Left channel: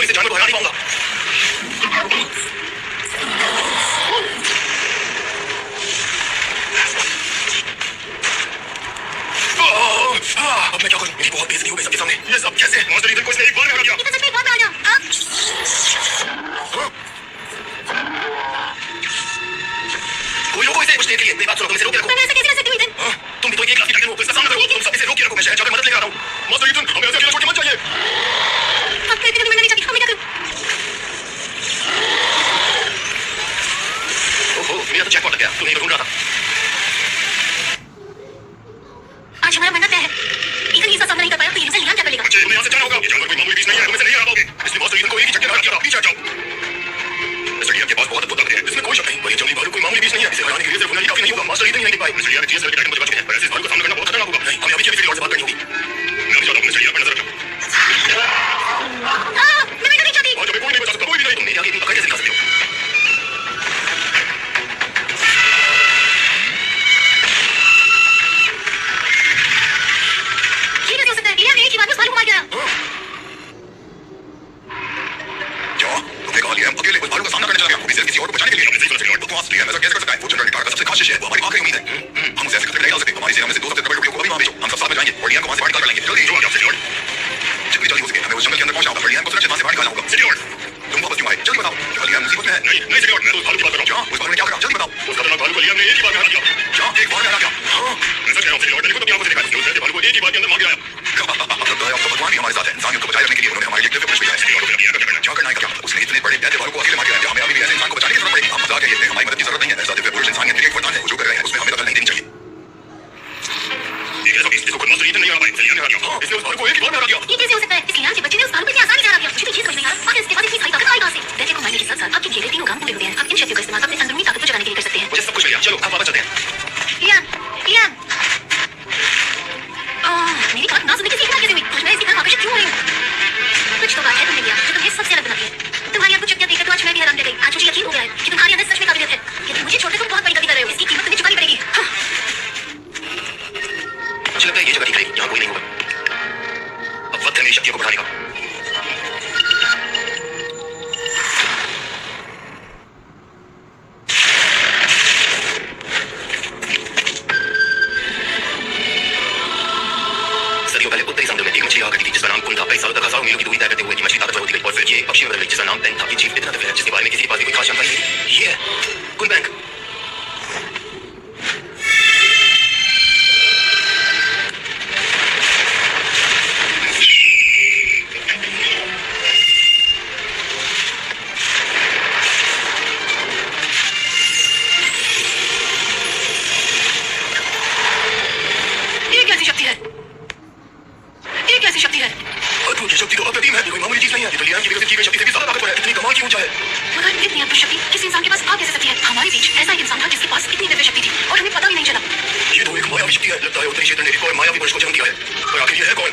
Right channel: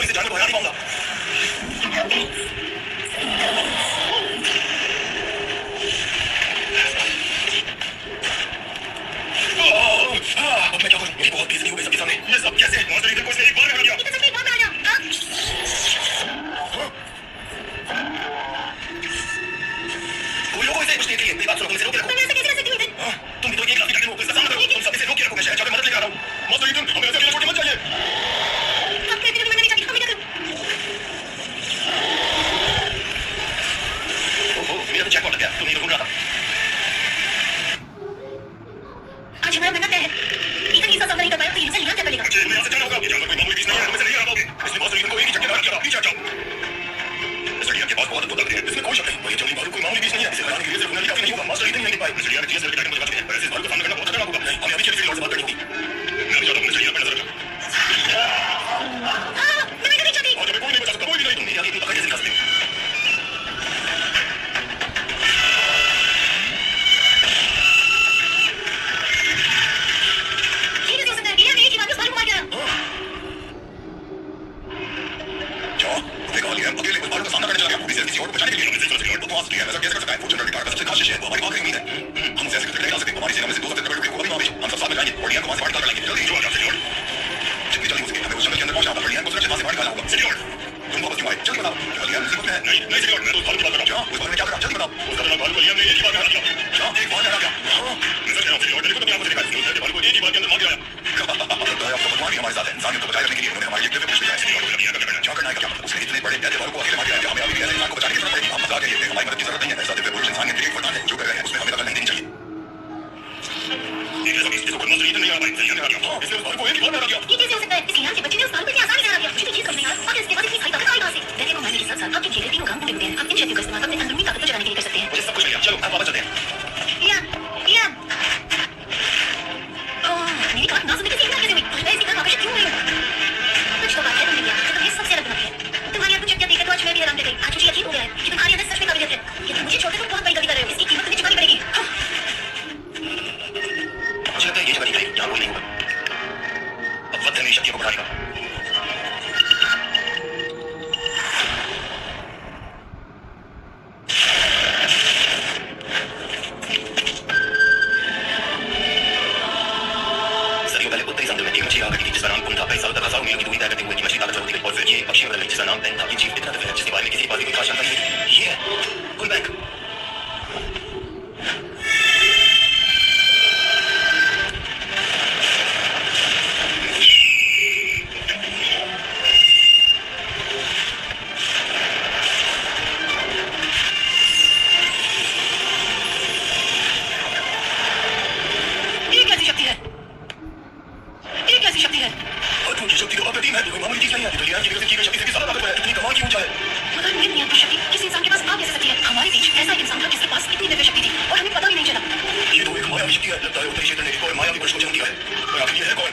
तो इसे जानवर को हरा नहीं पाऊंगा। अब मैं क्या करूं? मेरी बहुत बेइज्जती हो गई सबके सामने। ये सब कैसे? मॉन्स्टर ईथन को इसने एक बार में हरा दिया। ये तो सच में बहुत बड़ा था। कोई लोगों इसे कुछ देने के लिए मेरी बात सुनो, तुम इसे रोके रखो। मैं ऐसे कैसे कर सकती हूँ ईथन? तुम भी तो एक क्लास की टाइटन हो, तो इसका सामना करो। तुम सब इसे रोके रखो, मैं शहर जाकर मदद लेकर आ रहा हूं। मॉन्स्टर ईथन, हमें ऐसे अकेला छोड़ के मत जाइए। अब फिर भी मरना नहीं चाहती, हम क्या करूं? ओहो, मेरा तो जैकपॉट लग गया। तू नहीं ढूंढ रहा था। आज हमारा मरना तय है। ईथन इसका सामना नहीं कर पाया तो यूजर लियान क्या करेगा? तुम्हें यहाँ से जाना होगा। ये जानवर कोई मामूली चीज नहीं है, तुम इसे नहीं हरा पाओगे। इसने मॉन्स्टर ईथन को एक ही झटके में हरा दिया। पीछे हट जाओ। मिस्टर लियान के पास बहुत अद्भुत ताकतें हैं, इसमें कोई शक नहीं। पर ये जंगली भालू कोई मामूली बीज नहीं है। इसे हराने के लिए सिर्फ हुनर ही काफी नहीं होगा। मास्टर ईथन ही नहीं टिक पाए। मिस्टर लियान ने टीएस लेवल के टाइटन को जगा चुके हैं, पर ऐसे भालू का सामना करना बहुत खतरनाक होगा। नहीं, हमें अभी केवी लॉर्ड से बात करनी होगी। मैं अभी जाता हूं, मिस्टर लियान पर नजर रखना। मैं नहीं चाहती। आज हमें कोई नहीं बचा सकता, कोई भी नहीं। तुम मेरे आगे इतनी पकड़ कैसे दिखा सकते हो? ये कैसे हो सकता है? लियान ने एक ही बार में भालू को मार दिया। क्या? तुमने कहा लियान अकेले कोई भालू का सामना करने चला गया, वो भी सिर्फ किसी और को बचाने के लिए। हमने सही गलत लॉर्ड तो लियान ऐसा कैसे कर सकता है? वो जनरल कार का सबसे खास शिष्य है, वो हमारी आखिरी उम्मीद है। हम उसे ऐसे खतरे नहीं डाल सकते। हमारी सेना में से 2 सबसे तगड़े टुकड़े को अभी वहां भेजो। हम सब साथ में जाएंगे और लियान को वहां से बाहर निकाल लाएंगे। जल्दी जो आ जाओ लॉर्ड। जितनी जल्दी हो सके हमें उस जंगल के अंदर पहुंचना होगा और लियान को सुरक्षित वहां से बाहर निकालना होगा। लॉर्ड, तुम वापस क्यों आए? जल्दी बताओ। क्या लियान मुसीबत में है? नहीं नहीं लॉर्ड, मैं तो उस भालू की बात कर रहा हूं। क्या? उस भालू ने क्या करा? जल्दी बताओ। उस खतरनाक भालू को लियान ने एक ही बार में हरा दिया। क्या? एक बार में हरा दिया? हां, मैं सच कह रहा हूं लॉर्ड, मैंने खुद अपनी आंखों से देखा है। उस भालू को एक ही बार के अंदर मार गिराया। लगता है अब तो भगवान भी हमारे साथ है। इंसानियत को बचाए रखने के लिए उन्होंने हमारे लिए दिव्य पुरुष भेजा है। क्या करना है? क्या उसने इतने बड़े दैत्य भालू को अकेले मार गिराया? हमें अभी भी ऐसे इंसान को बचाने की जरूरत पड़ेगी। हम मजाक है ये, हमारी मदद की जरूरत नहीं है। ऐसा दिव्य पुरुष इंसानियत के लिए एक वरदान है। वो जो कर रहे हैं उसमें हमें दखल नहीं देनी चाहिए। ये कैसा इसको खुद मॉन्स्टर ईथन नहीं हरा पाए। लियान ने हरा दिया। हां, इसने उस भालू को एक ही बार में हरा दिया। ये कैसे हो सकता है? इस लियान के बच्चे ने उस भालू को इतनी आसानी से हरा दिया। मुझे तो ये समझ नहीं आ रहा। आखिर इसके बाद इतनी सारी ताकत आई कहां से? दैत्य को मारने के साथ-साथ आपके किए गए तीनों काम पूरे होते हैं। आप इन शक्तियों का इस्तेमाल अपने अंदरूनी ताकत को जगाने के लिए कर सकते हैं। मुझे सब कुछ मिल गया। चलो अब वापस चलते हैं। Lian, Lian. मेरी बात ना सुनने की सीखना कैसे हुई? मैं इसी तरह आकर्षित क्यों हुई हूं? कुछ तो बात है तुमने लिया जो तुम्हें सबसे अलग बनाती है। तुम्हारी आंखों चक्कर देखकर तो आज मैं भी हैरान रह गई। आज मुझे यकीन हो गया है कि तुम्हारे अंदर सच में काबिलियत है। कि तुम मुझे छोड़कर तुम बहुत बड़ी गलती कर रहे हो। इसकी कीमत तुम्हें चुकानी पड़ेगी। मुझे लगता है ये जगह ठीक रहेगी, यहाँ कोई नहीं होगा। अब वक्त है मेरी शक्तियों को बढ़ाने का। सदियों पहले उत्तरी समुद्र में एक मछली आकर थी जिसका नाम कुन था। कई सालों तक हजारों मीलों की दूरी तय करते हुए ये मछली ताकतवर होती गई और फिर ये एक पक्षी में बदल गई जिसका नाम पेन था। ये जीव इतना दिव्य है जिसके बारे में किसी के पास भी कोई खास जानकारी नहीं थी। ये है कुन बैंक। ये कैसी शक्ति है? ये कैसी शक्ति है? अद्भुत शक्ति तो अप्रतिम है। ये कोई मामूली चीज नहीं है। ये तो लियान की विकसित की गई शक्ति से भी ज्यादा ताकतवर है। इतनी कमाल की ऊंचा है। मगर ये नियंत्रण शक्ति किसी इंसान के पास आ कैसे सकती है? हमारे बीच ऐसा एक इंसान था जिसके पास इतनी दिव्य शक्ति थी और हमें पता भी नहीं चला। ये तो एक मायावी शक्ति है। लगता है उत्तरी क्षेत्र ने एक और मायावी पुरुष को जन्म दिया है। पर आखिर ये है कौन?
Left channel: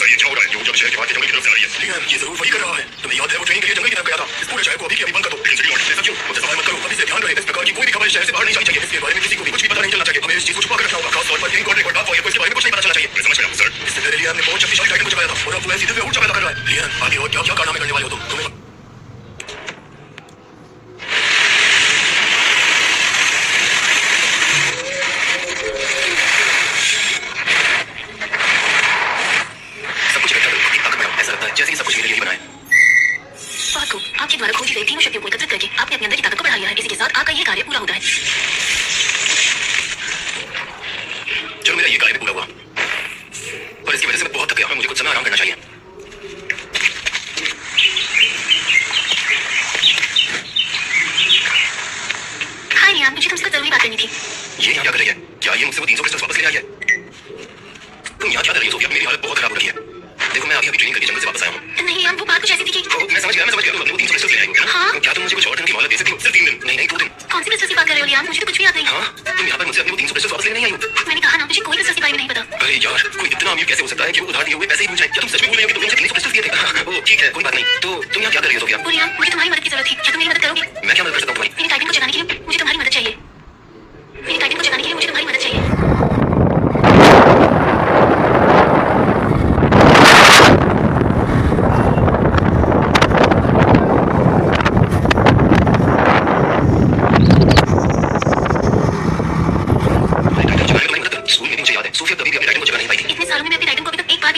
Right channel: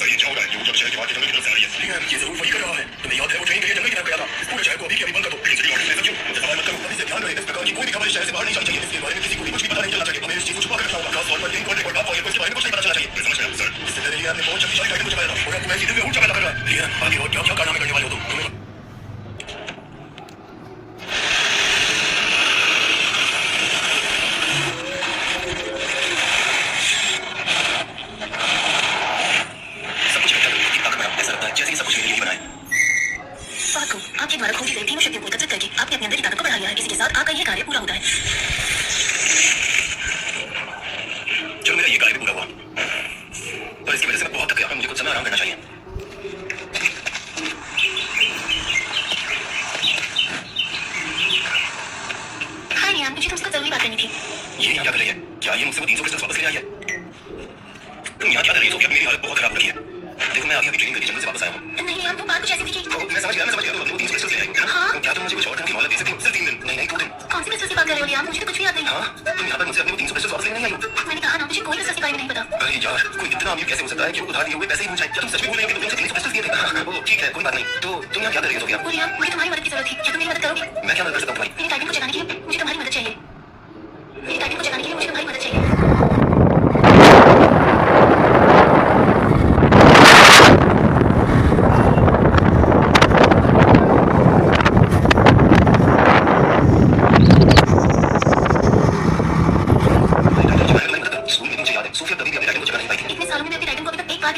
सर ये क्या हो रहा है? ये ऊंचा शहर के बाहर के जंगल की तरफ से आ रही है। लियान ये जरूर वही कर रहा है। तुम्हें याद है वो ट्रेनिंग के लिए जंगल की तरफ गया था? इस पूरे शहर को अभी के अभी बंद कर दो। लेकिन लॉर्ड ऐसा क्यों? मुझसे सवाल मत करो। अभी से ध्यान रहे इस प्रकार की कोई भी खबर इस शहर से बाहर नहीं जानी चाहिए। इसके बारे में किसी को भी कुछ भी पता नहीं चलना चाहिए। हमें इस चीज को छुपा कर रखना होगा। खास तौर पर इन कोर्ट और बाप को इसके बारे में कुछ नहीं पता चलना चाहिए। मैं समझ गया सर। इससे पहले लियान ने बहुत शक्तिशाली टाइटन को जगाया था और अब वो ऐसी दिव्य ऊर्जा पैदा कर रहा है। लियान आगे और क्या क्या कारनामे करने वाले हो तुम? तुम्हें सब कुछ इकट्ठा करो, ताकत बढ़ाओ। ऐसा लगता है जैसे ही सब कुछ मेरे लिए ही बना है। बात को आपके द्वारा खोजी गई तीनों शक्तियों को एकत्रित करके आपने अपने अंदर की ताकत को बढ़ा लिया है। इसी के साथ आपका ये कार्य पूरा होता है। चलो मेरा ये कार्य भी पूरा हुआ, पर इसकी वजह से मैं बहुत थक गया हूं। मुझे कुछ समय आराम करना चाहिए। हाय लियान, मुझे तुमसे कुछ जरूरी बात करनी थी। ये यहाँ क्या कर रही है? क्या ये मुझसे वो 300 क्रिस्टल्स वापस लेने आई है? तुम यहाँ क्या कर रही हो सोफिया? मेरी हालत बहुत खराब हो रही है। देखो मैं अभी ट्रेनिंग करके जंगल से वापस आया हूँ। नहीं लियान, वो बात कुछ ऐसी थी कि मैं समझ गया तुम अपने 300 क्रिस्टल्स ले आई हो ना? हाँ। क्या तुम मुझे कुछ और दिन की मोहलत दे सकती हो? सिर्फ 3 दिन? नहीं 2 दिन। कौन सी क्रिस्टल की बात कर रहे हो लियान? मुझे तो कुछ भी याद नहीं। हाँ, तुम यहाँ पर मुझसे अपने 300 क्रिस्टल्स वापस लेने नहीं आई हो। मैंने कहा ना, मुझे कोई क्रिस्टल के बारे में नहीं पता। अरे यार, कोई इतना अमीर कैसे हो सकता है कि वो उधार दिए हुए पैसे ही भूल जाए? क्या तुम सच में भूल रही हो कि तुमने मुझे 300 क्रिस्टल्स दिए थे? हाँ, वो ठीक है, कोई बात नहीं। तो तुम यहाँ क्या कर रही हो सोफिया? ओ लियान, मुझे तुम्हारी मदद की जरूरत थी। क्या तुम मेरी मदद करोगे? मैं क्या मदद कर सकता हूँ तुम्हारी? मेरे टाइटन को जगाने के लिए मुझे तुम्हारी मदद चाहिए। मेरे टाइटन को जगाने के लिए मुझे तुम्हारी मदद चाहिए।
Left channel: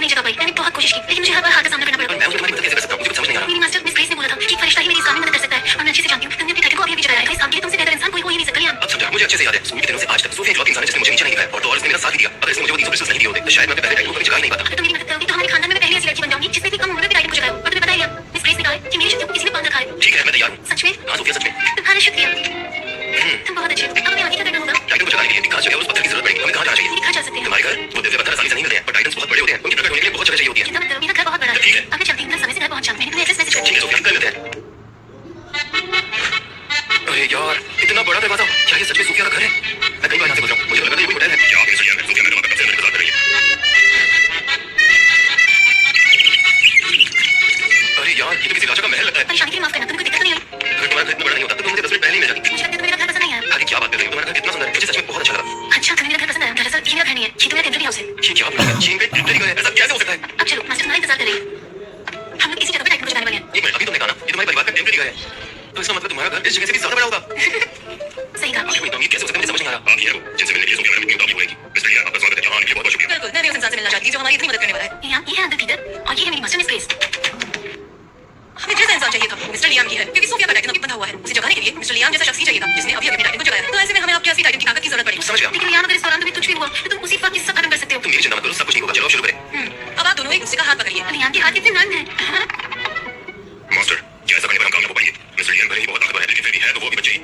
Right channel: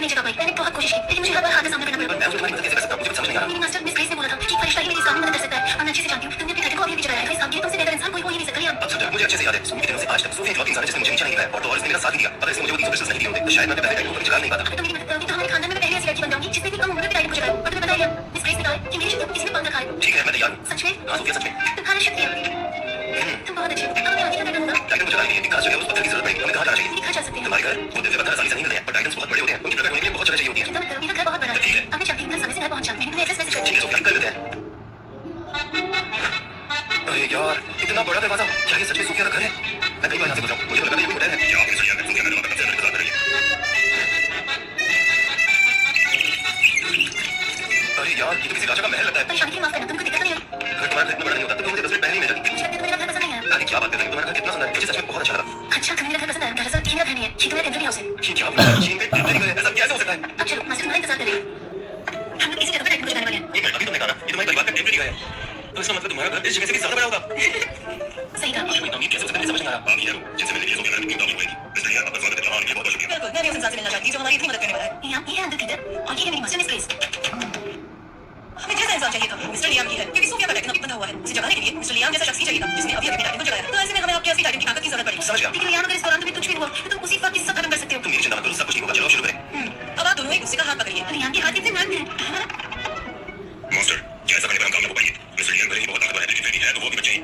नहीं जगा पाई। मैंने बहुत कोशिश की, लेकिन मुझे हर बार हार का सामना करना पड़ा। मैं तुम्हारी मदद कैसे कर सकता हूँ? मुझे कुछ समझ नहीं आ रहा। मेरी मास्टर मिस ग्रेस ने बोला था कि फरिश्ता ही मेरी इस काम में मदद कर सकता है और मैं अच्छे से जानती हूँ। तुमने अपने टाइटन को अभी भी जगाया है। इस काम के लिए तुमसे बेहतर इंसान कोई हो ही नहीं सकता। लियाम, अब समझा, मुझे अच्छे से याद है। स्कूल के दिनों से आज तक सोफिया इकलौती इंसान है जिसने मुझे नीचा नहीं दिखाया और तो और इसने मेरा साथ भी दिया। अगर इसने मुझे वो 300 पिस्टल्स नहीं दिए होते तो शायद मैं अपने पहले टाइटन को कभी जगा ही नहीं पाता। अगर तुम मेरी मदद करोगी तो हमारे खानदान में मैं पहली ऐसी लड़की बन जाऊंगी जिसने भी कम उम्र में टाइटन को जगाया। और तुम्हें पता है लियाम, मिस ग्रेस ने कहा है कि मेरी शक्तियों को किसी ने बांध रखा है। ठीक है, मैं तैयार हूँ। सच में? हाँ सोफिया, सच में। तुम्हारा शुक्रिया, तुम बहुत अच्छे हो। अब हमें आगे क्या करना होगा? टाइटन को जगाने के लिए एक खास जगह उस पत्थर की जरूरत पड़ेगी। हमें कहाँ जाना चाहिए? मेरे घर जा सकते हैं। तुम्हारे घर? वो दिव्य पत्थर आसानी से नहीं मिलते हैं और टाइटन्स बहुत बड़े होते हैं। उनकी प्रकट होने के लिए बहुत जगह चाहिए होती है। चिंता मत करो, मेरा घर बहुत बड़ा है। ठीक है। अब मैं चलती हूँ, कल समय से घर पहुंच जाऊँ। मैंने तुम्हें एड्रेस मैसेज कर ठीक है सोफिया, कर लेते हैं। अरे यार, इतना बड़ा दरवाजा, क्या ये सच में सोफिया का घर है? मैं कई बार यहाँ से गुजरा हूँ, मुझे तो लगा था ये कोई होटल है। क्या आप मिस्टर लियाम हैं? सोफिया मैडम आपका कब से अंदर इंतजार कर रही है। अरे यार, ये तो किसी राजा का महल लगता है। परेशानी के लिए माफ करना, तुम्हें कोई दिक्कत तो नहीं आई? घर तुम्हारा घर इतना बड़ा नहीं होता तो तुम मुझे 10 मिनट पहले ही मिल जाती। मुझे लगता है तुम्हें मेरा घर पसंद नहीं आया। आगे क्या बात कर रही हो? तुम्हारा घर कितना सुंदर है, मुझे सच में बहुत अच्छा लगा। अच्छा, तुम्हें मेरा घर पसंद आया। दरअसल ये मेरा घर नहीं है, ये तो मेरा टेम्परेरी हाउस है। ये क्या बोल रहे हो? चीन पे टेम्परेरी घर है, ऐसा कैसे हो सकता है? अब चलो, मास्टर तुम्हारा इंतजार कर रही है। हम लोग इसी जगह पर टाइटन को जगाने वाले हैं। एक मिनट, अभी तुमने कहा ना ये तुम्हारे परिवार का टेम्परेरी घर है, तो इसका मतलब तुम्हारा घर इस जगह से भी ज्यादा बड़ा होगा। सही कहा। आखिर ये कैसे हो सकता है? मुझे समझ नहीं आ रहा। आप ही हैं वो जिनसे मिलने के लिए सोफिया मैडम इतनी उतावली हो रही थी। मिस्टर लियाम, आपका स्वागत है। यहाँ आने के लिए बहुत-बहुत शुक्रिया। बिल्कुल, मैं भी उस इंसान से मिलना चाहती थी जो हमारी इतनी मदद करने वाला है। लियाम, ये है अंकल पीटर और ये है मेरी मास्टर मिस ग्रेस। हमें जैसा इंसान चाहिए था वो मिस्टर लियाम ही है, क्योंकि सोफिया का टाइटन अभी बंधा हुआ है। उसे जगाने के लिए मिस्टर लियाम जैसा शख्स ही चाहिए था जिसने अभी अभी टाइटन को जगाया। तो ऐसे में हमें आपके ऐसी टाइटन की ताकत की जरूरत पड़ी। समझ गया। लेकिन लियाम, अगर इस दौरान तुम्हें कुछ भी हुआ तो तुम उसी वक्त सब खत्म कर सकते हो। तुम मेरी चिंता मत करो, सब कुछ ठीक होगा। चलो शुरू करें। अब आप दोनों एक दूसरे का हाथ पकड़िए। लियाम के हाथ कितने नर्म हैं। मास्टर, क्या ऐसा करने पर हम कामयाब हो पाएंगे? मिस्टर लियाम भले ही बहुत ताकतवर है, लेकिन फिर भी है तो वो भी बच्चे ही।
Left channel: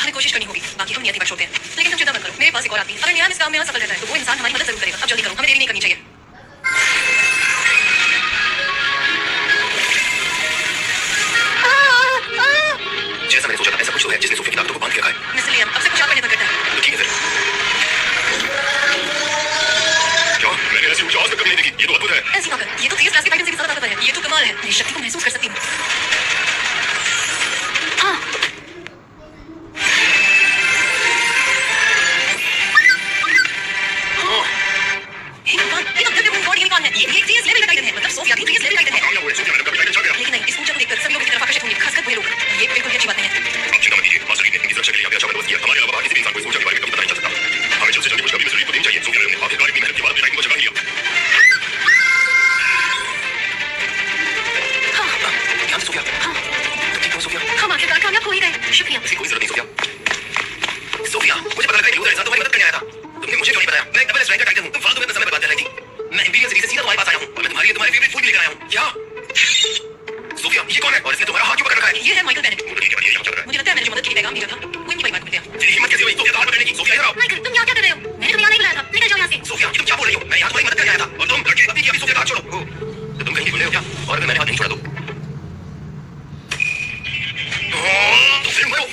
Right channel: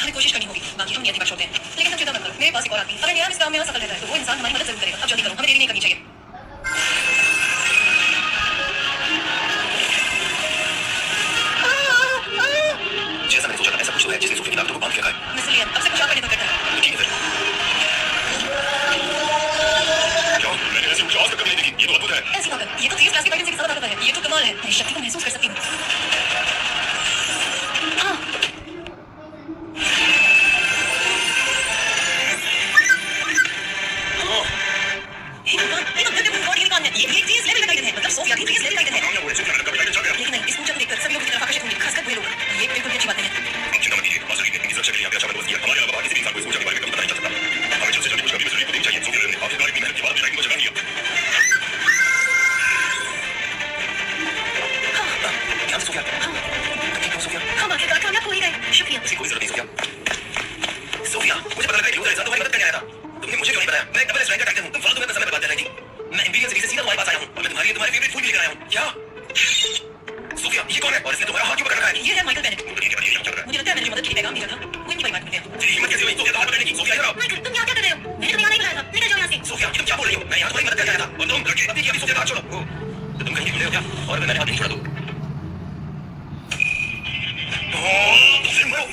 हमें कोशिश करनी होगी, बाकी हम नियति पर छोड़ते हैं। लेकिन तुम चिंता मत करो, मेरे पास एक और आदमी है। अगर लियाम इस काम में असफल रहता है तो वो इंसान हमारी मदद जरूर करेगा। अब जल्दी करो, हमें देरी नहीं करनी चाहिए। जैसा मैंने सोचा था ऐसा कुछ तो है जिसने सोफिया की ताकतों को बांध के रखा है। मिस्टर लियाम, अब सब कुछ आप पर निर्भर करता है। तो ठीक है फिर। क्या? मैंने ऐसी ऊंचाई आज तक कभी नहीं देखी। ये तो अद्भुत है। ऐसी बात है, ये तो 30 क्लास की टाइटन से भी ज्यादा ताकतवर है। ये तो कमाल है, मेरी शक्ति को महसूस कर सकती हूँ। हाँ, हे भगवान, ये तो दिव्य गॉड यूनिकॉर्न है। ये 30 लेवल का टाइटन है, मतलब सोफिया भी 30 लेवल का टाइटन है। कामयाब हुए। सोफिया मैडम का भी टाइटन चढ़ गया। लेकिन नहीं, इस ऊंचाई को देखकर सभी लोग इस तरफ आकर्षित होंगे, खासकर बुरे लोग। ये बिल्कुल भी अच्छी बात नहीं है। आप चिंता मत कीजिए। मास्टर ली ने इनकी सुरक्षा के लिए यहाँ पे अच्छा बंदोबस्त किया। हमारे अलावा किसी भी इंसान को इस ऊर्जा के बारे में कभी पता नहीं चल सकता। हमें जल्द से जल्द खुशखबरी मिस्टर ली को देनी चाहिए। सोफिया मैडम ने आखिरकार इतनी मेहनत के बाद अपने टाइटन को जगा लिया। ध्यान से सोफिया। तुम ठीक हो सोफिया? हम आखिरकार कामयाब हो ही गए। शुक्रिया। इसकी कोई जरूरत नहीं सोफिया। सोफिया, मुझे पता लगा कि लूजर इंसान तुम्हारी मदद करने आया था। तुमने मुझे क्यों नहीं बताया? मैं एक डबल रैंक का टाइटन हूँ। तुम फालतू में अपना समय बर्बाद कर रही थी। मैं इंपीरियल सिटी से सीधा तुम्हारे पास आया हूँ और मैं तुम्हारे लिए तुम्हारे फेवरेट फूड भी लेकर आया हूँ। क्या? सोफिया, ये कौन है और इसने तुम्हारा हाथ क्यों पकड़ रखा है? ये है माइकल बेनेट। वो तो ठीक है, पर ये यहाँ चल रहा है। मुझे लगता है मैंने जो मदद के लिए पैगाम भेजा था वो इनकी परिवार को मिलते हैं। तेरी हिम्मत कैसे हुई सोफिया का हाथ पकड़ने की? सोफिया इधर आओ। माइकल, तुम यहाँ क्या कर रहे हो? मैंने तुम्हें यहाँ नहीं बुलाया था। निकल जाओ यहाँ से। सोफिया, ये तुम क्या बोल रही हो? मैं यहाँ तुम्हारी मदद करने आया था और तुम लड़के अभी की अभी सोफिया का हाथ छोड़ो। ओह, तो तुम कहीं भूल रहे हो क्या? और अगर मैंने हाथ नहीं छोड़ा तो? तुम फिर मरो।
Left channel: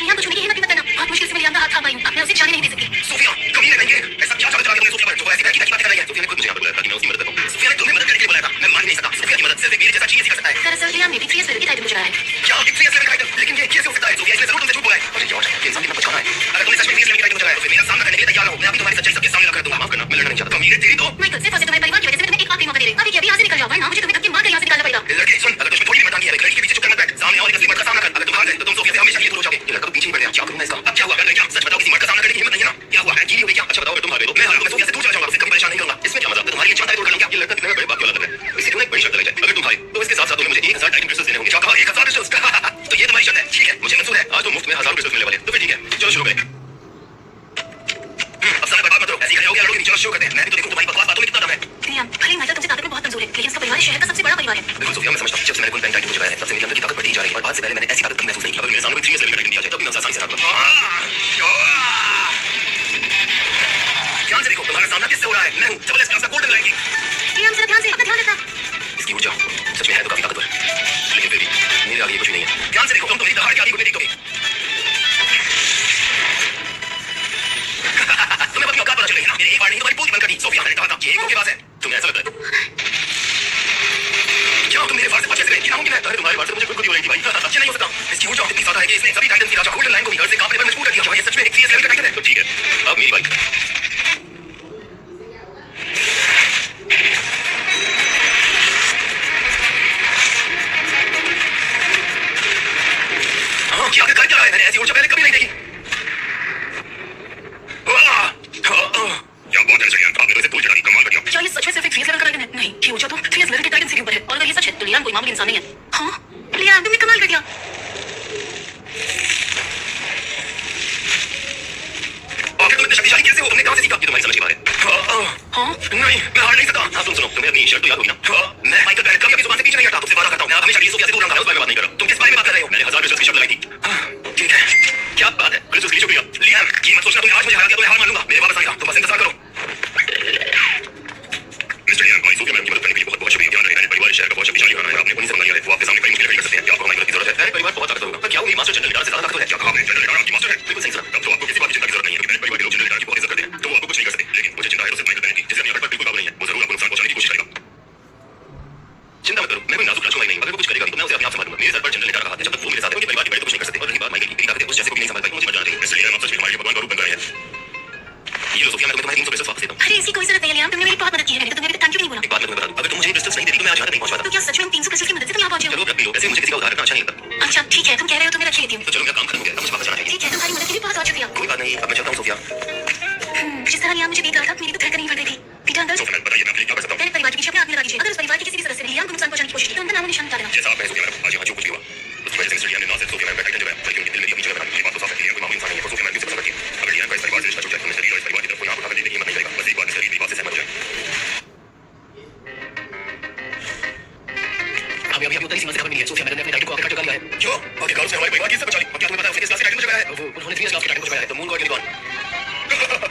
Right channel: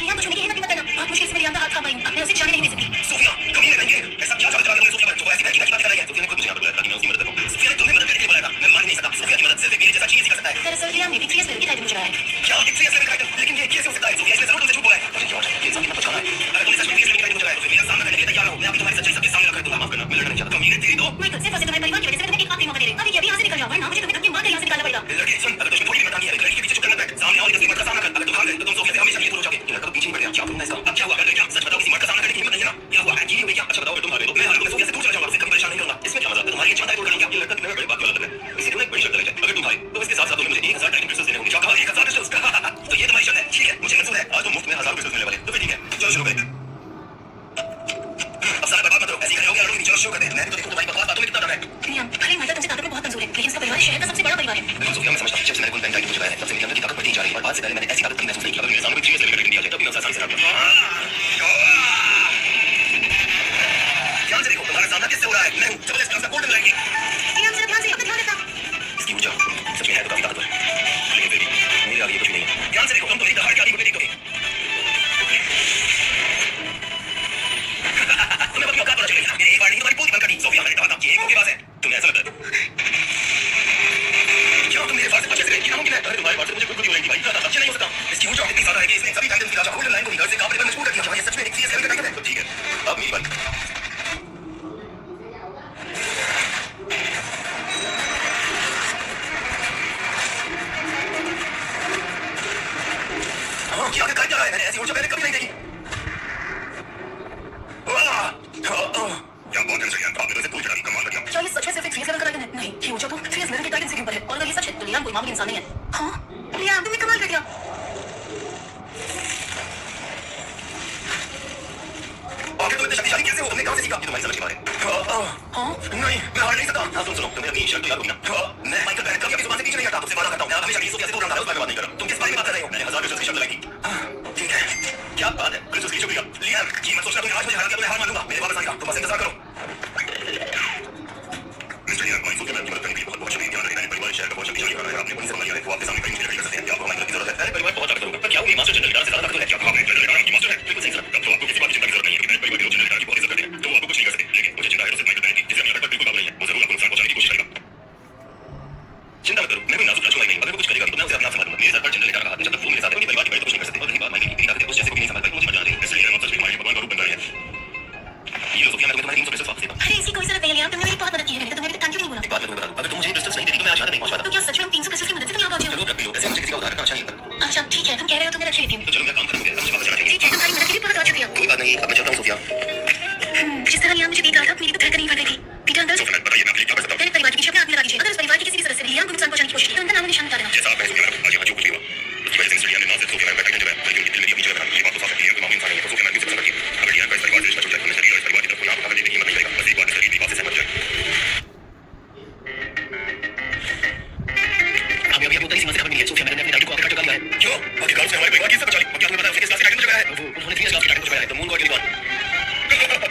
लियाम, कुछ मेरी हिम्मत मत करना। बहुत मुश्किल से मैं लियाम का हाथ थाम पाई हूँ। अब मैं उसे जाने नहीं दे सकती। सोफिया, कभी नहीं रहेंगे। ऐसा क्या चाल चला तुमने सोफिया पर जो ऐसी बहकी बहकी बातें कर रही है? सोफिया ने खुद मुझे यहाँ पर बुलाया ताकि मैं उसकी मदद करूँ। सोफिया ने तुम्हें मदद करने के लिए बुलाया था। मैं मान ही नहीं सकता। सोफिया की मदद सिर्फ एक मेरे जैसा चीज ही कर सकता है। दरअसल लियाम ने भी 3 लेवल की टाइटन को जगाया है। क्या एक 3 लेवल का टाइटन? लेकिन ये कैसे हो सकता है? सोफिया इसने जरूर तुमसे झूठ बोला है। अरे जॉर्ज, ये इंसान कितना पछताना है। अगर तुमने सच में 3 लेवल की टाइटन को जगाया तो फिर मेरा सामना करने के लिए तैयार रहो। मैं अभी तुम्हारी सच्चाई सबके सामने रख दूंगा। माफ करना, मैं लड़ना नहीं चाहता। कमी है तेरी तो। माइकल, सिर्फ और सिर्फ तुम्हारे परिवार की वजह से मैं तुम्हें एक आखिरी मौका दे रही हूँ। अभी के अभी यहाँ से निकल जाओ, वरना मुझे तुम्हें धक्के मारकर यहाँ से निकालना पड़ेगा। लड़के सुन, अगर तुझे थोड़ी हिम्मत आती है लड़की के पीछे चुप करना बैठ। सामने आओ, एक असली मर्द का सामना कर। अगर तुम हार गए तो तुम सोफिया से हमेशा के लिए दूर हो जाओगे। ये लड़का तो पीछे ही पड़ गया। क्या करूं मैं इसका? अब क्या हुआ? कर गए क्या? सच बताओ, किसी मर्द का सामना करने की हिम्मत नहीं है ना? क्या हुआ? है चीनी हो गई क्या? अच्छा बताओ, अगर तुम हार गए तो मैं हार गया, मैं सोफिया से दूर चला जाऊंगा। उसे कभी परेशान नहीं करूंगा। इसमें क्या मतलब? तुम्हारी ये क्षमता है दूर करने की? ये लड़का कितने बड़े बात की औलाद लग रहा है। इसी एक बड़ी शर्त लग जाए। अगर तुम हारे तो इसके साथ साथ तुम्हें मुझे 1000 टाइटन क्रिस्टल्स देने होंगे। क्या कहा? 1000 क्रिस्टल्स? तो ये तुम्हारी शर्त है? ठीक है, मुझे मंजूर है। आज तो मुफ्त में 1000 क्रिस्टल्स मिलने वाले हैं। तो फिर ठीक है, चलो शुरू करें। अब सारा बर्बाद मत करो। ऐसी खड़े हो गए लड़ोगे नहीं। चलो शुरू करते हैं। मैं भी तो देखूं तुम्हारी बकवास बातों में कितना दम है। लियाम, भले ही माइकल तुमसे ताकत में बहुत कमजोर है, लेकिन उसका परिवार इस शहर का सबसे बड़ा परिवार है। बिल्कुल सोफिया, मैं समझता हूं। जब से मैंने कोई बैंक टाइटन को जगाया है तब से मेरी अंदर की ताकत बढ़ती जा रही है और आज से पहले मैंने ऐसी ताकत कभी महसूस नहीं की। अगर मेरे सामने कोई 3 लेवल का टाइटन दिया जाए तब भी मैं उसे आसानी से हरा दूंगा। ध्यान से देखो, तुम्हारा सामना किससे हो रहा है? मैं हूं डबल एस क्लास का गोल्डन लाइन किंग। लियाम, जरा ध्यान से, अपना ध्यान रखना। इसकी ऊर्जा सच में है तो काफी ताकतवर, लेकिन फिर भी मेरे आगे ये कुछ भी नहीं है। ध्यान से देखो, तुम तो मेरी दहाड़ के आगे को देखोगे। तुम्हें अपनी औकात पता चल गई ना? मैंने एक बार नहीं तुम्हारी पूरी बंद कर दी। सोफिया, मैंने कहा था कि एक के पास है। तुम्हें ऐसा लगता है? क्या तुम मेरे पास से बच कैसे गए? ये नामुमकिन है। अरे तुम्हारे पास से मुझे खुद ही हो रही थी भाई। ये नहीं हो सकता। इसकी ऊर्जा इतनी ज्यादा है कि इसने सभी टाइटन की राजा गोल्डन लाइन को भी घर से कांपने पर मजबूर कर दिया। क्या ये सच में एक 3 लेवल का टाइटन है? तो ठीक है, अब मेरी बारी। हाँ, क्या कर क्या रहा है? मैंने ऐसी ऊर्जा पहले कभी नहीं देखी। क्या बात है मिस्टर लियाम, आपने तो इसे तोड़ चढ़ा दी। कमाल का किया। और अगर ये सच है तो लियाम कोई मामूली इंसान नहीं है। हाँ लियाम तुमने कमाल कर दिया। आखिर तुम इतने शक्तिशाली कैसे हो? तुमने कहां से सीखा? ये तुम्हारी समझ की बात है। हाँ नहीं, मैं हार नहीं सकता। हाँ सुनो, तुम्हें अपनी शर्त तो याद होगी ना? मैं माइकल बैरेट कभी अपनी जुबान से पीछे नहीं हटता। तुमसे वादा करता हूं, मैं हमेशा के लिए सोफिया से दूर रहूंगा। उस बारे में बात नहीं कर रहा। तुम किस बारे में बात कर रहे हो? मैंने 1000 क्रिस्टल्स की शर्त लगाई थी। ठीक है, क्या बात है? क्रिस्टल्स के लिए शुक्रिया। लियाम, ये मत सोचना तुमने आज मुझे हरा दिया तो मैं हार मान लूंगा। मेरे वापस आएगा, तुम बस इंतजार करो। मिस्टर लियाम, हमारी सोफिया मैम की मदद करने के लिए बहुत बहुत शुक्रिया। ध्यान रखना, परिवार शहर का बहुत शक्तिशाली घराना है। आपने उन्हीं से मंगा लिया है। वो आपके सामने कई मुश्किलें खड़ी कर सकते हैं। क्या आपको हमारी मदद की जरूरत है? अरे परिवार बहुत ताकतवर होगा। पर क्या वो मास्टर जनरल लिडार से ज्यादा ताकतवर है? क्या कहा आपने? जनरल लिडार आपकी मास्टर है? बिल्कुल सही सुना। तब तो आपको किसी बात की चिंता की जरूरत नहीं है, क्योंकि परिवार के लोग जनरल लिडार की बहुत इज्जत करते हैं। तो वो आपको कुछ नहीं कर सकते। लेकिन मुझे चिंता है तो सिर्फ माइकल बैरेट की, जिसे अपनी हरकत पर बिल्कुल काबू नहीं है। वो जरूर आपको नुकसान पहुंचाने की कोशिश करेगा। चिंता मत करो, मैं कोई नाजुक राजकुमारी नहीं। अगर वो कुछ करेगा तो मैं उसे अपने आप संभालूंगा। मेरे सर पर जनरल लिडार का हाथ है। जब तक वो मेरे साथ है, उनके परिवार के बड़े तो कुछ नहीं कर सकते। और रही बात माइकल की, मेरी ताकत है उस जैसे को भी नहीं संभाल पाई। मुझे मर जाना चाहिए। इसलिए हम सच में हमारे लिए भगवान का रूप बन रहे हैं। ये लो सोफिया, मैं तुम्हें 300 पैसे वापस देता हूं। अरे इसकी कोई जरूरत नहीं है लियाम, तुमने मेरी बहुत मदद की है। तो तुमने अभी तक थैंक यू भी नहीं बोला। एक बात मैं तुम्हें बता दूं, अगर तुम मुझे क्रिस्टल्स नहीं देती तो मैं आज यहाँ तक नहीं पहुंच पाता। तो क्या सच में 300 क्रिस्टल की मदद से तुम यहाँ पहुंचे हो? चलो रख भी लो, ऐसे मुझे किसी का उधार रखना अच्छा नहीं लगता। अच्छा ठीक है, तुम कह रहे हो तो मैं रख लेती हूँ। तो चलो मेरा काम खत्म हो गया, अब मुझे वापस जाना चाहिए। ठीक है, तुम्हारी मदद के लिए बहुत बहुत शुक्रिया। कोई बात नहीं, अब मैं चलता हूँ सोफिया। जिस तरह लियाम मुझे देख रहा था मेरी तो धड़कन नहीं बढ़ रही थी। पीटर अंदर से सोफिया, बताइए मैं आपके लिए क्या कर सकता हूँ? मैंने परिवार के पीछे अपने आग लगा दीजिए। अगर उस परिवार के किसी भी सदस्य ने लियाम को नुकसान पहुंचाने की कोशिश की तो उनका नाम निशान मिटा देना। जैसा आप कहें सोफिया मैडम, आज यहाँ जो कुछ भी हुआ उसकी वजह से मिस्टर लियाम ने ना सिर्फ सोफिया मैडम का टाइटल जो है बल्कि उनके दिल में भी अपनी जगह बनाई। ये बात तो साफ है कि लियाम कोई मामूली इंसान नहीं है। तो सोफिया मैडम की पसंद रखिए। अगर लियाम का इस परिवार से रिश्ता टूट जाए तो मिस्टर लियाम इस परिवार की तरफ कोई आंख उठाकर देखने की हिम्मत नहीं करेगा। बस एक बार मिस्टर लियाम बात से सहमत हो जाए। अभी उत्तरी सीमा से खबर मिली है, सोफिया मैडम ने अपने टाइटल को आखिरकार चुका लिया है। क्यों? आखिरकार उसने हमारे परिवार की इज्जत बचा ली। और क्या तुम्हें पता है उसने किस क्लास से टाइटल चुकाया है? वो उन्होंने 3 क्लास का टाइटल चुकाया है। तो मून गॉड के लिए कौन?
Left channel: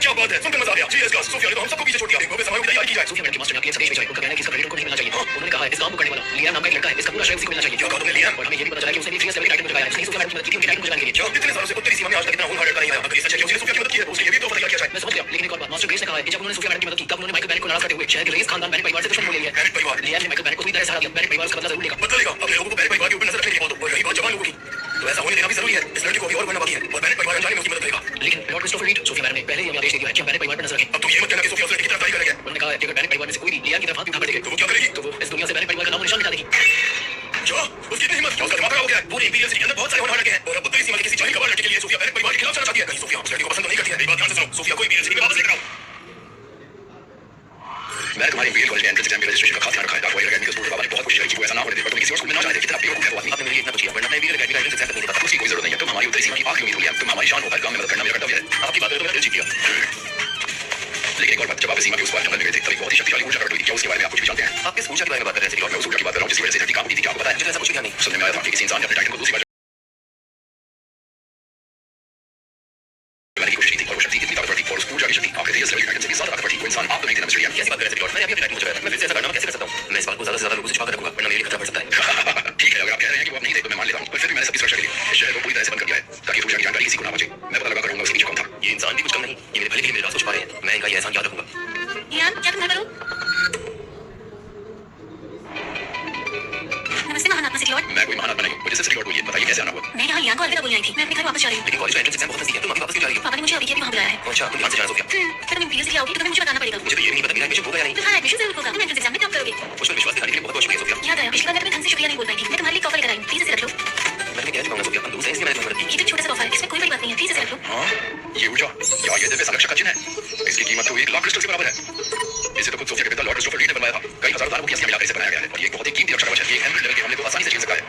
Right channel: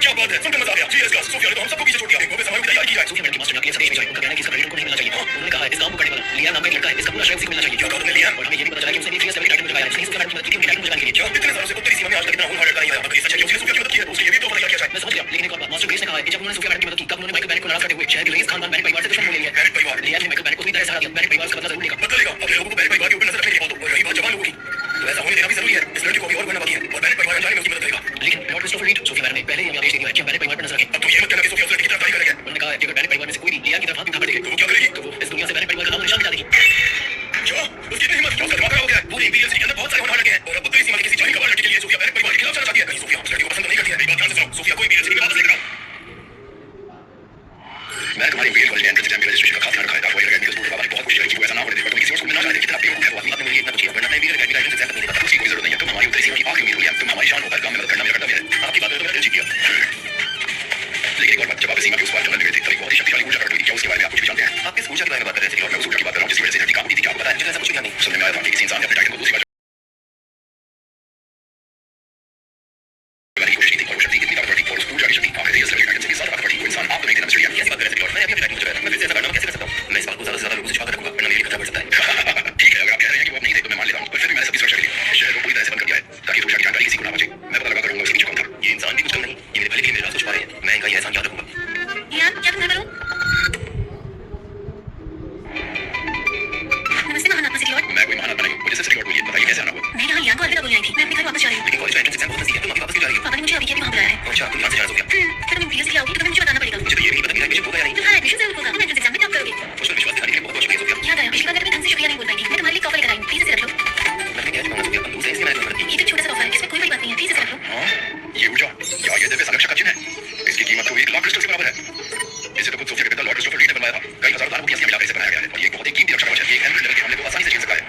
क्या बात है, सुनकर मजा आ गया। 3 क्लास सोफिया ने तो हम सबको पीछे छोड़ दिया। देखो बस हमारी तैयारी की जाए। सोफिया मैडम के मास्टर ने आपके लिए संदेश भेजा है। उनका कहना है कि इसका क्रेडिट उनको नहीं मिलना चाहिए। उन्होंने कहा है इस काम को करने वाला लियाम नाम का एक लड़का है, इसका पूरा श्रेय उसी को मिलना चाहिए। क्या कहा तुमने लियाम? और हमें ये भी पता चला कि उसने भी 3 लेवल के टाइटल चुकाया है। उसने सोफिया मैडम की मदद की थी उनके टाइटल को चुकाने के लिए। क्या इतने सालों से उत्तरी सीमा में आज तक इतना खून लड़का नहीं आया? अगर ये सच है कि उसने सोफिया की मदद की है तो उसके लिए भी तो तैयार किया जाए। मैं समझ गया, लेकिन एक और बात, मास्टर ग्रेस ने कहा है कि जब उन्होंने सोफिया मैडम की मदद की तब उन्होंने माइकल बैरेट को नाराज करते हुए शहर के रईस खानदान बैरेट परिवार से दुश्मन हो लिया है। बैरेट परिवार? लियाम ने माइकल बैरेट को पूरी तरह सहारा दिया। बैरेट परिवार उसका बदला जरूर लेगा। बदलेगा? अपने लोगों को बैरेट परिवार के ऊपर नजर रखने की बात हो। और रही बात जवान लोगों की, तो ऐसा होने देना भी जरूरी है। इस लड़के को अभी और बनना बाकी है और बैरेट परिवार अनजाने में उसकी मदद करेगा। लेकिन Lord Christopher Reid, Sophia madam ने पहले ही हमें आदेश दे दिया है कि हम बैरेट परिवार पर नजर रखें। अब तुम ये मत कहना कि सोफिया उस लड़के की तरफ करेगा। उन्होंने कहा है कि अगर बैरेट परिवार में से कोई भी लियाम की तरफ हाथ उठा कर देखे तो वो क्या करेगी? तो वो इस दुनिया से बैरेट परिवार का नाम और निशान मिटा देगी। जो उसकी इतनी हिम्मत, उसका दिमाग खराब हो गया है। पूरे इंपीरियल सिटी के अंदर बहुत सारे होनहार लड़के हैं और अब उत्तरी सीमा के किसी जाहिल गवार लड़के के लिए सोफिया बैरेट परिवार के खिलाफ चलना चाहती है। कहीं सोफिया उस लड़के को पसंद तो नहीं करती है। मेरी बात ध्यान से सुनो, सोफिया को इंपीरियल सिटी में वापस लेकर आओ। मैंने तुम्हारे इंपीरियल कॉलेज में एंट्रेंस एग्जाम के रजिस्ट्रेशन का खास ध्यान रखा है। डार्क वाइड एकेडमी के स्कूल के बाबा ने बहुत कोशिश करी कि वो ऐसा ना होने दे, पर तुम किसी और स्कूल में ना जाने दे। कितना बेवकूफ है वो आदमी। आपने मेरे लिए इतना कुछ किया, वरना मैं इंपीरियल एकेडमी का एंट्रेंस एग्जाम तक नहीं देता। उसकी कोई जरूरत नहीं है। तुम हमारी उत्तरी सीमा की आखिरी उम्मीद हो लियाम। तुम हमारी शान हो। हर काम में मदद करना मेरा कर्तव्य है। आपकी बात है तो मेरा दिल जीत गया। लेकिन एक और बात, जब आप इस सीमा के उस पार जंगल में गए थे तब एक बहुत ही शक्तिशाली ऊर्जा प्रकट हुई थी। क्या उसके बारे में आप कुछ भी जानते हैं? आप किस ऊर्जा के बारे में बात कर रहे हैं? मैं उस ऊर्जा की बात कर रहा हूं जिसकी वजह से धरती कांप उठी थी। क्या आपको पता है? मुझे ऐसा कुछ भी ध्यान नहीं। सुनने में आया था कि किसी इंसान ने अपने टाइटन को दूसरी बार की कोशिश की थी और वो शक्ति इतनी ताकतवर थी और उस ऊर्जा की शक्ति आखिर इस लेवल के टाइटन से भी ज्यादा ताकतवर थी। वो इंसान आप तो नहीं थे ना मिस्टर लियाम। कैसी बात कर रहे हैं लॉर्ड? मैंने अभी अपने टाइटन को चुकाया। मैं फिर से ऐसा करना कैसे कर सकता हूं? मैं इस बात को ज्यादा से ज्यादा लोगों से छुपा कर रखूंगा, वरना मेरे लिए खतरा बढ़ सकता है। ठीक है, अगर आप कह रहे हैं कि वो आप नहीं थे तो मैं मान लेता हूं, पर फिर भी मैंने सबकी सुरक्षा के लिए इस शहर को पूरी तरह से बंद कर दिया है ताकि ऊर्जा की जानकारी किसी को ना पहुंचे। मैं पता लगा कर रहूंगा उसके पीछे कौन था। ये इंसान भी कुछ कम नहीं, ये मेरे भले के लिए मेरे राज को छुपा रहे हैं। मैं इनका ये एहसान याद रखूंगा। लियाम क्या तुम घर पर हो? नमस्ते महान आत्मा सिटी लॉर्ड। मैं कोई महान आत्मा नहीं हूं, मुझे सिर्फ सिटी लॉर्ड बोलिए। बताइए कैसे आना हुआ? मैं यहाँ लियाम को अलविदा बोलने आई थी। मैं अपने घर वापस जा रही हूँ। लेकिन कॉलेज का एंट्रेंस एग्जाम बहुत नजदीक है, तुम अभी वापस क्यों जा रही हो? पापा ने मुझे अभी के अभी वहाँ बुलाया है। अच्छा, तुम यहाँ से जाना सोफिया। फिर तुम इंपीरियल सिटी आओगी तो तुम्हें मुझे बताना पड़ेगा। मुझे तो ये भी नहीं पता मेरा एडमिशन होगा या नहीं। तुम्हारा एडमिशन जरूर होगा। तुम एंट्रेंस एग्जाम में टॉप करोगे। मुझ पर विश्वास दिखाने के लिए बहुत बहुत शुक्रिया सोफिया। याद आया, पिछली बार मैं तुम्हें ढंग से शुक्रिया नहीं बोल पाई थी। मैं तुम्हारे लिए कॉफी लेकर आई हूँ, प्लीज इसे रख लो। मैं क्या कहूंगा सोफिया, हम दूसरे इसलिए मैंने तुम्हें मदद की। ये तो छोटा सा तोहफा है, इसमें कोई बड़ी बात नहीं है, प्लीज इसे रख लो। हाँ, ये ऊर्जा या ये दिव्य संरक्षक का चिन्ह है। इसकी कीमत तो 1 लाख क्रिस्टल के बराबर है। इसे तो खुद सोफिया के पिता लॉर्ड क्रिस्टोफर रीड ने बनवाया था। कई हजारों दानवों की अस्थियां मिलाकर इसे बनाया गया है और ये एक बहुत ही कीमती रक्षा कवच है। ये एक एम्ब्रियल लेवल के हमले को आसानी से झेल सकता है।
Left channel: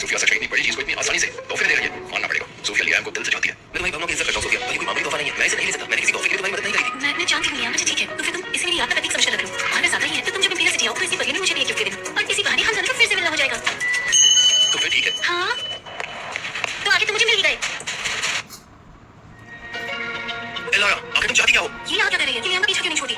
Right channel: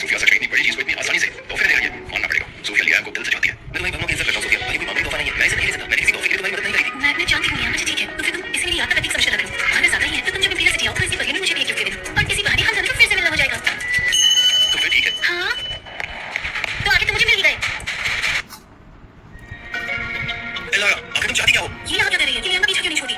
सोफिया सच में इतनी बड़ी चीज को इतनी आसानी से तोहफे दे रही है, मानना पड़ेगा। सोफिया लियाम को दिल से चाहती है। मैं तुम्हारी भावनाओं की इज्जत करता हूं सोफिया, पर ये कोई मामूली तोहफा नहीं है। मैं इसे नहीं ले सकता। मैंने किसी तोहफे के लिए तुम्हारी मदद नहीं करी थी। मैं जानती हूँ लियाम, मुझे ठीक है। तो फिर तुम इसे मेरी याद का प्रतीक समझकर लग रहे हो। अगर ज्यादा ही है तो तुम जब इंपीरियल सिटी आओ तो इसके बदले में मुझे भी एक गिफ्ट दे देना और इसी बहाने हम दोनों को फिर से मिलना हो जाएगा। तो फिर ठीक है। हाँ तो आगे तो मुझे मिल ही गए। एलारा, आखिर तुम चाहती क्या हो? ये यहाँ क्या कर रही है? ये लियाम का पीछा क्यों नहीं छोड़ी?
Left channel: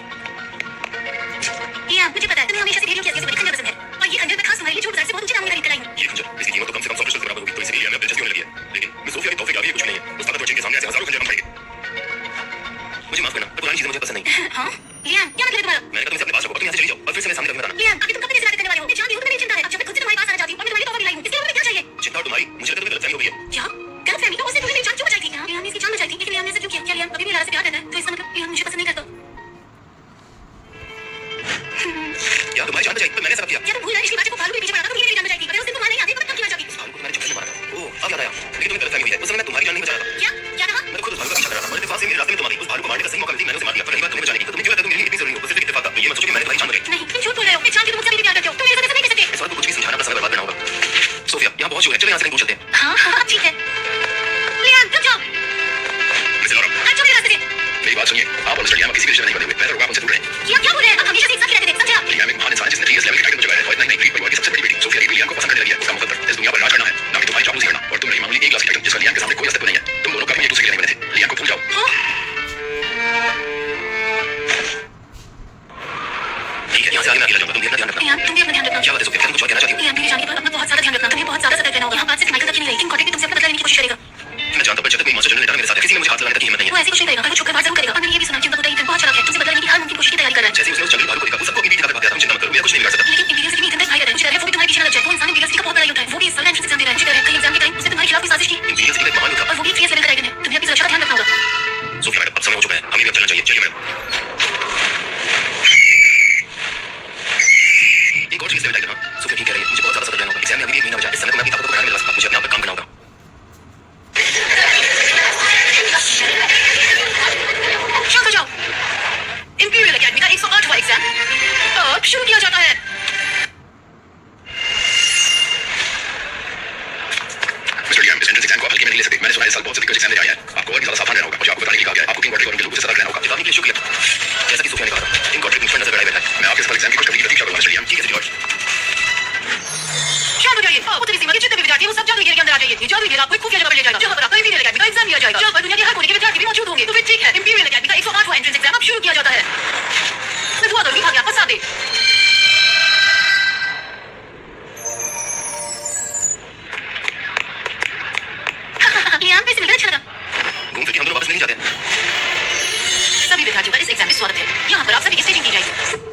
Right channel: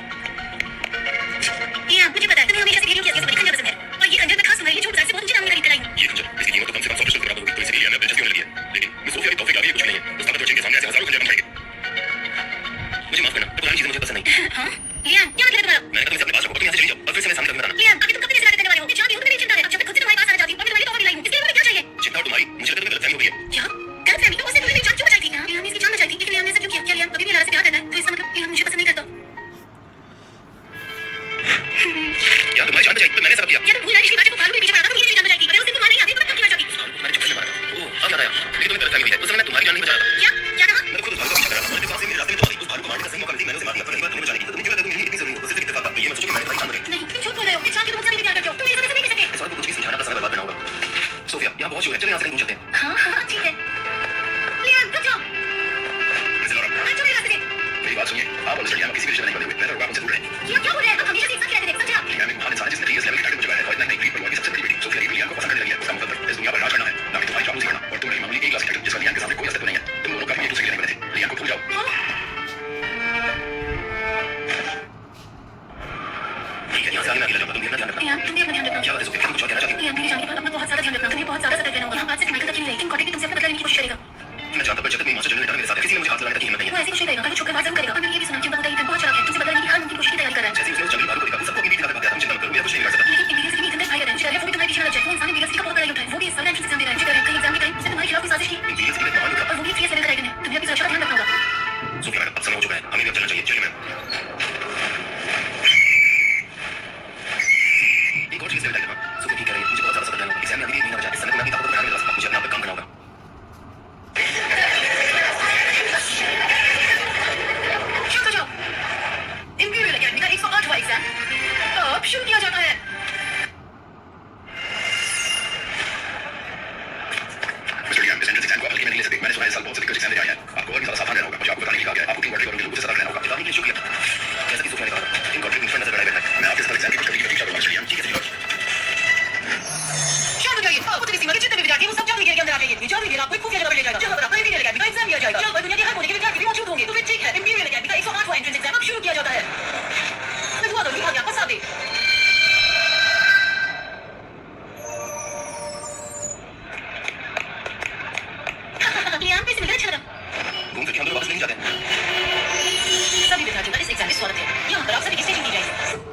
लियाम मुझे पता है तुम्हें हमेशा से बेरियों की असली खंजर पसंद है और ये खंजर मैं खास तुम्हारे लिए छोड़ से बहुत ऊंचे दाम में खरीद कर आई हूँ। ये खंजर, इसकी कीमत तो कम से कम 100 क्रिस्टल के बराबर होगी, तो इसलिए हमें दिलचस्पी होने लगी है। लेकिन मिस सोफिया के तोहफे के आगे कुछ भी नहीं है। उस ताकतवर चिन्ह के सामने ऐसे हजारों खंजर कम पड़ेंगे। मुझे माफ करना, पर पुरानी चीजें मुझे पसंद नहीं। हाँ लियाम क्या मतलब है तुम्हारा? मैंने कहा तुम इसे अपने पास रखो और तुम यहाँ से चली जाओ और फिर से मेरे सामने कभी बताना। लियाम अभी तुम कब तक ऐसे बातें करने वाले हो? मैं जानती हूँ तुम्हें चिंता है। अब जब मैं खुद से तुम्हारे पास आना चाहती हूँ और मैं तुम्हारे लिए तोहफा भी लाई हूँ, इसके लिए तुम्हें क्या चाहिए? चिंता और तुम्हारी, मुझे लगता है तुम्हें गलतफहमी हो गई है। क्या गलतफहमी? तो उसने तुम्हें मेरी जान क्यों बचाई थी? लियाम ने इसकी जान बचाई थी, लेकिन लियाम ने ऐसा क्यों किया? क्या लियाम अभी भी लारा से प्यार करता है? तो इसका मतलब लियाम मुझे पसंद नहीं करता। यार तुम्हारी जान बचाई तो मैंने सब किया। क्या तुम भूल रहे हो? बात को फालतू के पीछे पड़ा था तो मेरी जान बचाई थी। अगर उस दिन तुम वहां नहीं आती तो मैं कब की मर जाती? मैंने चुप करके मारा। ओह, अब याद आया। लेकिन तुम्हें गलतफहमी हुई है। उस समय मैं तुम्हारी जान नहीं बचा रहा था। क्या क्या कहा? मैं खुद उस भालू का पीछा कर रहा था और इत्तेफाक से मेरे रास्ते में तुम आ गई। उस भालू को मारने का सही मौका मिलती मैंने उसे मार दिया। पर रही बात तुम्हें बचाने की, तो तुम्हें क्यों लगता है तुम मेरे लिए इतनी जरूरी हो? बस सिर्फ इत्तेफाक था। ये मत सोचो कि मैंने तुम्हारी जान बचाई। नहीं तुम झूठ बोल रहे हो। मैं जानती हूँ तुम मुझसे भी प्यार करते हो। तुम मेरे साथ ऐसा नहीं कर सकते। इस बात यहाँ बहुत शोर है, चलो यहाँ से कहीं दूर चलते हैं। हाँ हाँ ठीक है लियाम रुक जाओ मिस्टर लॉरा, चलो मेरे रास्ते से मेरी बात सुनिए। आप और मिस्टर लियाम किसी भी रिश्ते में नहीं बने हुए। बेहतर होगा आप उनसे दूर रहें। ये आप क्या बोल रहे हैं आप हमेशा से एक साथ रहते थे समझे आप लियाम एक महान इंसान है जिसने जीएस लेवल के टाइटल को जगाया है और इतना ही नहीं गरीब परिवार की सबसे बड़ी बेटी सोफिया भी लियाम को पसंद करने लगी है। उसका मुकद्दर इस दुनिया पर राज करना है, ना कि तुम्हारी चापलूसी करना। और तुम नहीं मामूली एक क्लास की टाइटल जिसका लियाम के सामने कोई अस्तित्व नहीं है। तुम दोनों कभी एक दूसरे के लिए नहीं बने थे। लियाम को भूल जाओ। ठीक है, यहाँ से आगे मैं अकेला जाऊंगा, तुम भी अपना ध्यान रखना। लियाम तुम भी अपना ध्यान रखना क्या बात है सोफिया, तुम कुछ और कहना चाहती हो? लियाम मेरी जान के बाद अपना बहुत ज्यादा ध्यान रखना तुम्हें बहुत ज्यादा सतर्क रहना होगा यहाँ बात सिर्फ माइकल तक ही नहीं रही इन कॉन्टेक्ट तुमसे अपना बदला लेने की कोशिश करेगा मैं जानता हूं, पर जब तक मेरी मास्टर जनरल ने मेरे साथ है, किसी ने मुझे हाथ लगाने तक की हिम्मत नहीं वो है। ऐसे कुछ नहीं करेगा कल वो छुपकर बात जरूर करेगा और मैंने ये भी सुना चिंता बताई बहुत चला है तुमसे बदला लेने की हर मुमकिन कोशिश की तैयारी कर रहा है जैसे ही उसने उस जंगली भालू को देखा, वो सबको अपनी बेटी का भाग गया था। चिंता मत करो, मैं कुछ नहीं बिगाड़ सकता। लेकिन इंपीरियल सिटी में इतने भाई रहते हैं जिधर है वो भी तुम्हारे पीछे न लग जाए वो इंसान इंपीरियल सिटी का बहुत बड़ा योद्धा है वो भी इस साल एंट्रेंस एग्जाम दे रहा है जिधर है कई एग्जाम के टाइम उसने तुम्हारे खिलाफ कोई साजिश की इंपीरियल सिटी का एक महान योद्धा। और वो भी 3 लेवल का ड्रैगन है तुम्हें अपनी सुरक्षा का ध्यान रखना होगा सोफिया मैडम, अब समय हो चुका है, हमें भी अब चलना चाहिए। चलिए मैडम। एक और चीज है टाइगर, सोफिया ठीक कह रही है, मुझे बहुत ज्यादा सतर्क रहना होगा। एग्जाम में अभी भी एक महीना बचा है, इस समय तो मैं अपनी ताकत को बढ़ाने में लगा सकता हूं। मुझे अपने आप पे काम करना होगा। शांत हो जाओ। इंपीरियल एकेडमी का 108वां एग्जाम अब शुरू किया जाता है। मिस्टर लियाम, इस एंट्रेंस एग्जाम को आप हल्के में नहीं ले सकते। मैंने सुना है इस साल बहुत से दिग्गज एग्जाम लेके आए हैं। आपको और भी ज्यादा सावधान रहना होगा। मुझे आपको बताने के लिए कहा गया है। आपको किंग गॉड्रिक और उनके लोगों से सतर्क रहना होगा। चेतावनी के लिए शुक्रिया। जैसा कि सोफिया ने कहा था, किंग गॉड्रिक मुझ पर नजर गड़ाए बैठा है। मैं आपके सफल एग्जाम की खुशखबरी की प्रतीक्षा करूंगा मिस्टर लियाम। ठीक है जॉर्ज। शांत हो जाइए। उत्तरी सीमा के जितने भी विद्यार्थी हैं वो सब जादू के अंदर आ जाइए। ये जादू आपको एक खुफिया जगह पर ले जाएगा जहां पर आपका इंपीरियल एकेडमी का एग्जाम लिया जाएगा, जहां पर दुनिया के हर कोने के विद्यार्थी भी मौजूद होंगे। तो फिर ठीक है, इंपीरियल एकेडमी का 108वां एंट्रेंस एग्जाम अब शुरू किया जाता है। मैं दुआ करूंगी भाग्य आपका साथ दे। लियाम कैसे मिलकर अच्छा लगा घूम फिर के हम दोनों वापस नहीं जाते हैं। सभी विद्यार्थियों का इस एग्जाम में स्वागत है। यहाँ पर आप सभी की स्टेजिंग की जाएगी।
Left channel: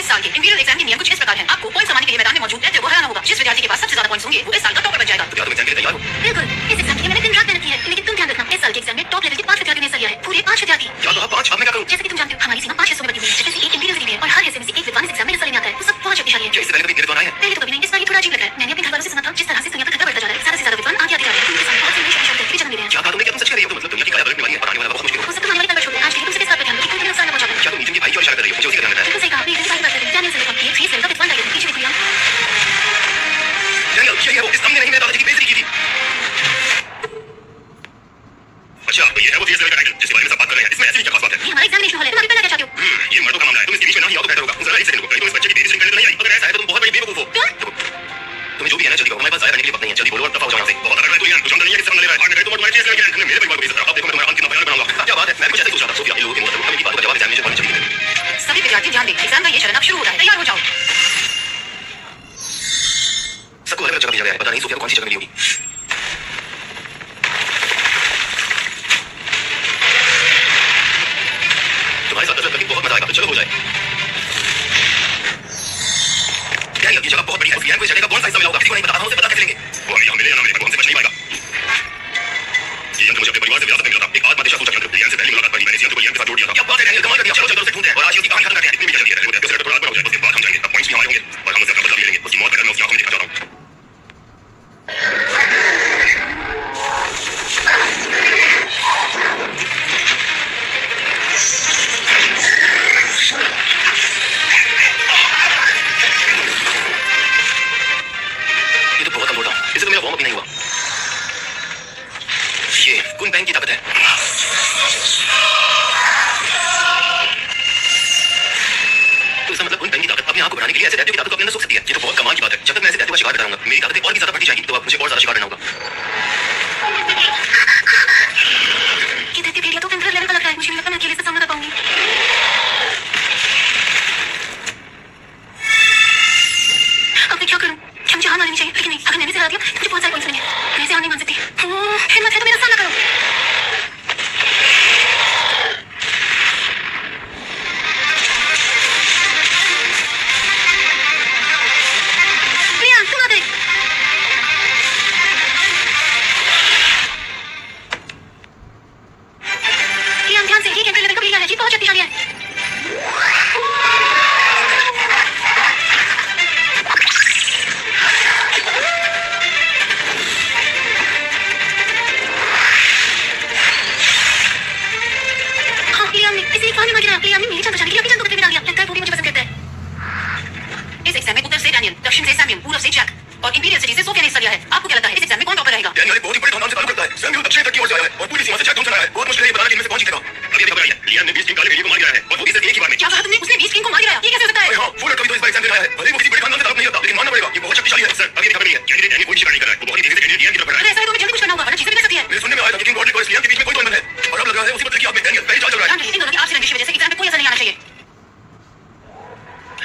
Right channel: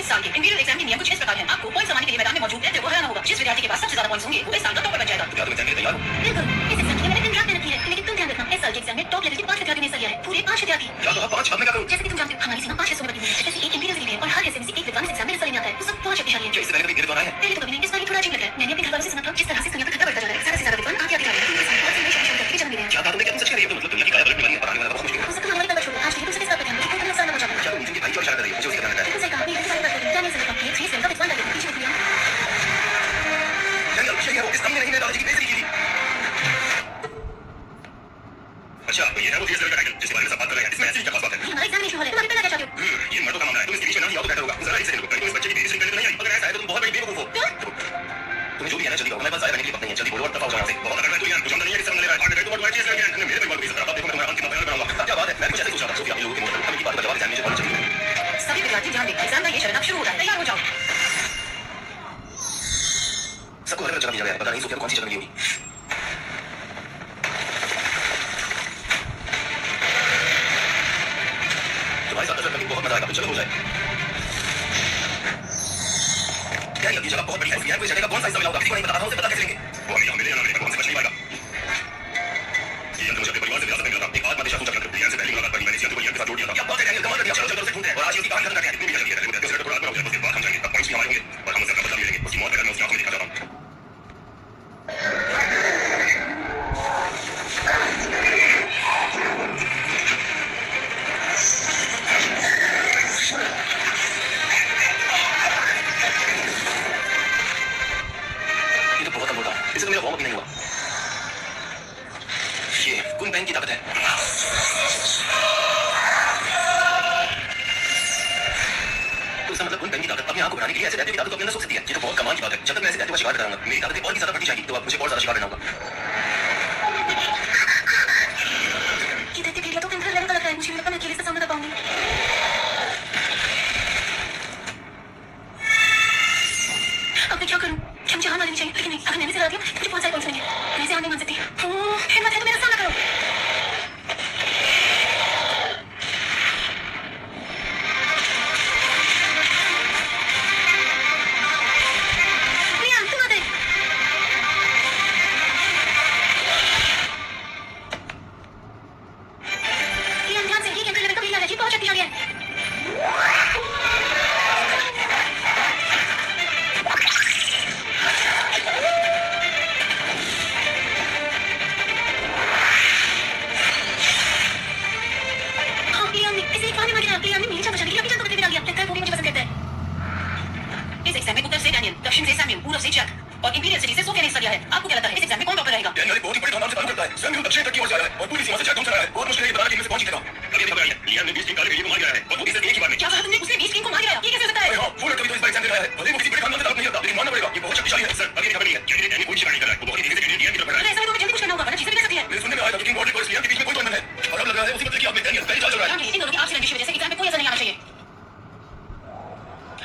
इस साल के इंपीरियल एग्जाम के नियम कुछ इस प्रकार हैं। आपको पॉइंट समाने के लिए मैदान में मौजूद रहते हुए हराना होगा। जिस विद्यार्थी के पास सबसे ज्यादा पॉइंट्स होंगे वो इस साल का टॉपर बन जाएगा। तो क्या तुम एग्जाम के लिए तैयार हो? बिल्कुल इस एग्जाम के लिए मैंने दिन रात मेहनत की है लेकिन तुम ध्यान रखना इस साल के एग्जाम में टॉप लेवल के 5 विद्यार्थी ने हिस्सा लिया है पूरे 5 विद्यार्थी क्या तो आप 5? अब मैं क्या करूं? जैसे कि तुम जानते हो हमारी सीमा 5 हिस्सों में बटी हुई है जैसे एक इंपीरियल सिटी है और हर हिस्से में से एक विद्वान इस एग्जाम में हिस्सा लेने आता है वो सब बहुत शक्तिशाली है क्या इससे पहले कभी मेरे द्वारा आए हैं? पहले तो कभी नहीं इस बार ये थोड़ा अजीब लग रहा है मैंने अपने घर वालों से सुना था जिस तरह से दुनिया का खतरा बढ़ता जा रहा है ज्यादा से ज्यादा विद्वान आगे आते जा रहे हैं उनके सामने बहुत से नए शक्तिशाली विद्यार्थी भी जन्म ले रहे हैं क्या कहा तुमने? क्या तुम सच कह रही हो? तो मतलब दुनिया की काया पलटने वाली है, बनाने वाला बहुत मुश्किल हो। वो सब तुम्हारी वाली तंग छोड़ आज के लिए तुम सिर्फ इस बात पर ध्यान दो कि कोई भी नुकसान न पहुंचा पाए क्या तुम नीचे की भाई की ओर इशारा कर रही हो? मुझे उसी का ध्यान रहता है। बिल्कुल सही कहा आपने इतनी सारी बात कर दी डैनियल से लेकर ये 3 लेवल का विद्वान टाइगर पीछे देखो लियाम डैनियल, यही है वो। इस अम्मी ने ही मेरे दादाजी की बेइज्जती की थी। अच्छा, तो ये है वो जीएस लेवल का टाइटल जिसके बारे में सब बात कर रहे हैं। इसमें ऐसी क्या खास बात है? ये हमारा एग्जामिनेशन हॉल है तुम अभी पहले क्या चाहते हो ये मर्दों का मामला है। तुम इसके बीच में ना ही आओ तो बेहतर होगा। जरा एक सेकंड रुको। कहीं तुम इस बच्चे की बेइज्जती करने तो नहीं आई? अगर ऐसा है तो तुम बहुत बड़ी बेवकूफ हो। तुम्हें जो भी कहना है जल्दी कहो, हमारे पास जाया करने के लिए वक्त नहीं है। जल्दी बोलो और दफा हो जाओ यहाँ से। बहुत अगर मैं तो लियाम कुछ अंदर नहीं है कि सब ले रहा है। और मैं तुम तुम्हारे जीएस लेवल के तुमने मेरे परिवार को बेइज्जत करा। अब देखो मैं तुम्हारा अंत कितना भयानक बनाऊंगा। क्या बात है? मैं कुछ ऐसे सोच रहा था। सोफिया, इन लोगों के मुंह तक की बात का जवाब एग्जामिनेशन हॉल में चली गई। सभी विद्यार्थी ध्यान दें। एग्जाम का ये चरण अब शुरू होता है। तैयार हो जाओ। सबको अलग अलग जगह दिया गया है। पता नहीं सोफिया को कौन सी जगह मिली होगी। तुम्हारे साथ कसरत करके बहुत मजा आएगा, तो चलो हो जाए। डैनियल, ये जगह बहुत बड़ी है। सोफिया को इस जगह का कौन सा हिस्सा मिला होगा? किसी को नहीं पता। हम उसे पता कैसे लेंगे? वो अभी हम मिले या ना मिले पर वो हमसे बच नहीं पाएगा। ये यंत्र मुझे अपने परिवार से विरासत में मिला था। एक आत्मदिशा सूचक यंत्र। लियाम से पहली मुलाकात पर ही मैंने इस यंत्र को लियाम के साथ जोड़ दिया था। क्या बात है डैनियल, कमाल कर दिया। चलो जल्दी से ढूंढते हैं और आज ही उसकी कहानी खत्म करते हैं। इतनी भी जल्दी है। पहले वो थोड़ा आगे बढ़ो। उसके बाद हम जाएंगे। अब पॉइंट्स भी हमारे होंगे और हम उससे अपना बदला भी लेंगे। उसकी मौत का डर मैं उसकी आंखों में देखना चाहता हूं। ये तो बहुत कमजोर था। इससे तो मेरा वार्म अप भी नहीं हुआ। ये कुन बैंक की ताकत है। तो इसका मतलब कुन बैंक की ताकत अपने आप को बढ़ाने के लिए ऐसे दैत्यों की ताकत को अपने अंदर सोख सकती है। ये तो बहुत कमाल की बात है। जब तक मैं ऐसे दैत्यों का शिकार करता रहूंगा मेरी ताकतें और भी ज्यादा बढ़ती जाएगी। तो अब मुझे और ज्यादा शिकार करना होगा। ये दैत्य भेड़िया तो टेम्पररी लेवल का लग रहा है मुझे नहीं लगता मैं अकेले से सामना कर पाऊंगी अब मैं क्या करूं क्या मुझे हार माननी चाहिए लेकिन नहीं अगर मैंने से हरा दिया तो मुझे बहुत सारे पॉइंट्स मिलेंगे मैं इसे हार नहीं मान सकती हिम्मत है तो मेरा सामना करो लियाम तुम आ गए लियाम ध्यान से ये टेम्पररी लेवल का भेड़िया है ये बहुत शक्तिशाली है इस एग्जाम में उत्तर से डैनियल, दक्षिण से सैमुअल, पूर्व से जैक। और इंपीरियल सिटी से सोफिया ने हिस्सा लिया है। आपको क्या लगता है इस एग्जाम में कौन टॉपर रहेगा? डैनियल एक बहुत ही बड़े खानदान से ताल्लुक रखता है। स्वयं भी दक्षिण तक की ओर से आया है और पूरी सीमा से चेक ढूंढ रहा है। बहुत मुश्किल है ये बताना कि इनमें से कौन जीतेगा। अभी अभी खबर आई है, लियाम ने 20 किंग काले भेड़िए को मार गिराया है और वो भी सिर्फ एक ही बार में। क्या कहा तुमने? उसने 20 किंग को मार गिराया? ये कैसे हो सकता है? अरे हाँ, फुल कभी तो इस बार एग्जाम दे रहा है। भले ही वो किसी बड़े खानदान से ताल्लुक नहीं रखता, लेकिन मानना पड़ेगा ये बहुत शक्तिशाली है। सर, अभी अभी खबर नहीं है, कैंडिडेट डैनियल कोई शिकार नहीं कर रहा है। वो बहुत ही तेजी से कैंडिडेट लियाम की तरफ बढ़ रहा है। अरे ऐसा है तो हमें जल्दी कुछ करना होगा, वरना चीजें बिगड़ सकती है। मेरे सुनने में आया था कि किंग बॉर्डर और लियाम के बीच में कोई तो बंधन है और अब लग रहा है उसी बदले की आग में डैनियल पहली चाल चल रहा है। ध्यान रखिए, इन दोनों की आपसी रंजिश की वजह से एग्जाम में कोई असर नहीं आना चाहिए।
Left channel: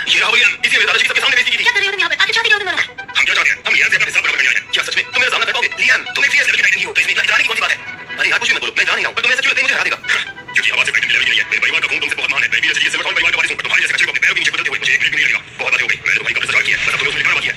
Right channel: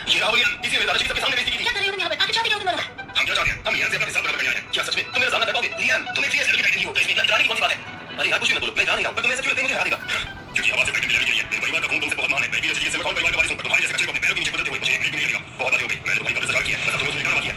ये रहा वो लियाम, इसी में दादाजी सबके सामने बेइज्जती की थी। क्या कर रहे हो तुम यहाँ पे? आगे चाहते क्या हो तुम दोनों? हम क्या चाहते हैं? हम लियाम से अपना हिसाब बराबर करने आए हैं। क्या सच में तुम मेरा सामना कर पाओगे? लियाम, तुम एक सीरियस लेवल के टाइटन की हो, तो इसमें इतना डराने की कौन सी बात है? अरे यार कुछ भी मत बोलो, मैं जान नहीं रहा हूं, पर तुम ऐसा क्यों लगता है मुझे हरा देगा? क्योंकि आवाज से टाइटन की लेवल नहीं है। मेरे परिवार का खून तुमसे बहुत महान है। मैं भी जैसे सिल्वर टाउन परिवार का वारिस हूं, पर तुम्हारे जैसे कचरे को अपने पैरों के नीचे बदलते हुए मुझे एक मिनट भी नहीं लगेगा। बहुत बातें हो गई, मैंने तुम्हारी कब्र सजाड़ की है, बस अब तुम्हें उसमें निकालना बाकी है।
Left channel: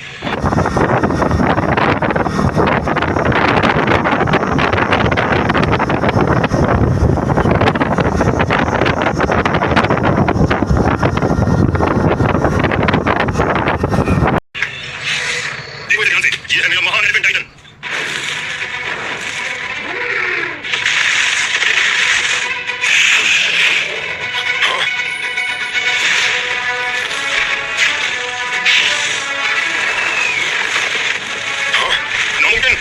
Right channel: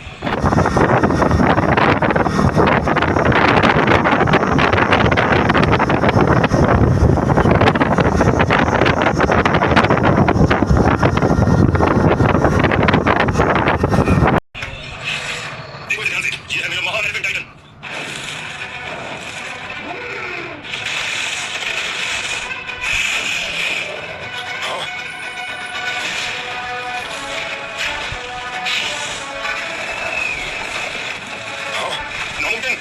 देखो इसे ध्यान से, ये है मेरा महान एलिफेंट टाइटन। नामुमकिन,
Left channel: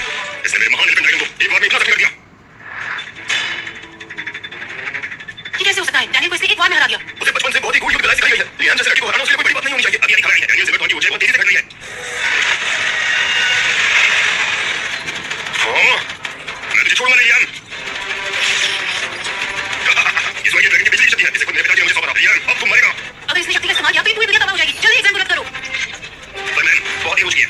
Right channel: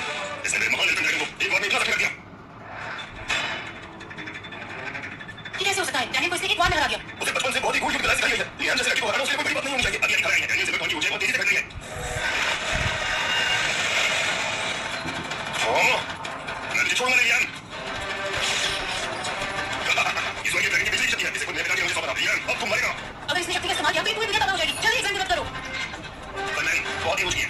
इसने मेरे महान एलिफेंट टाइटन को एक बार में इतना जख्मी कर दिया। ये कैसे हो सकता है? डैनियल को इसने एक बार में हरा दिया। उसे बचपन से बहुत ही गूढ़ युद्ध कला सिखाई गई है। लियाम जैसे लड़के को हराना उसके लिए कोई बड़ी बात नहीं होनी चाहिए। अभी खबर आई है, डैनियल सिल्वर टाउन की ऊंचाई बहुत तेजी से घट रही है। हाँ, मैं तुझे छोड़ूंगा नहीं लियाम। ये जो ये ड्रैगन की बिजली की शक्ति है, इसे खुद मेरे पिताजी ने मुझे सौंपा था। लियाम, अब तुम मरेगा। अगर इसने शक्ति का इस्तेमाल किया तो ये पूरी दुनिया तबाह हो जाएगी। जल्दी एग्जाम को रद्द करो। पर मैम, बहुत ही ऊंची है।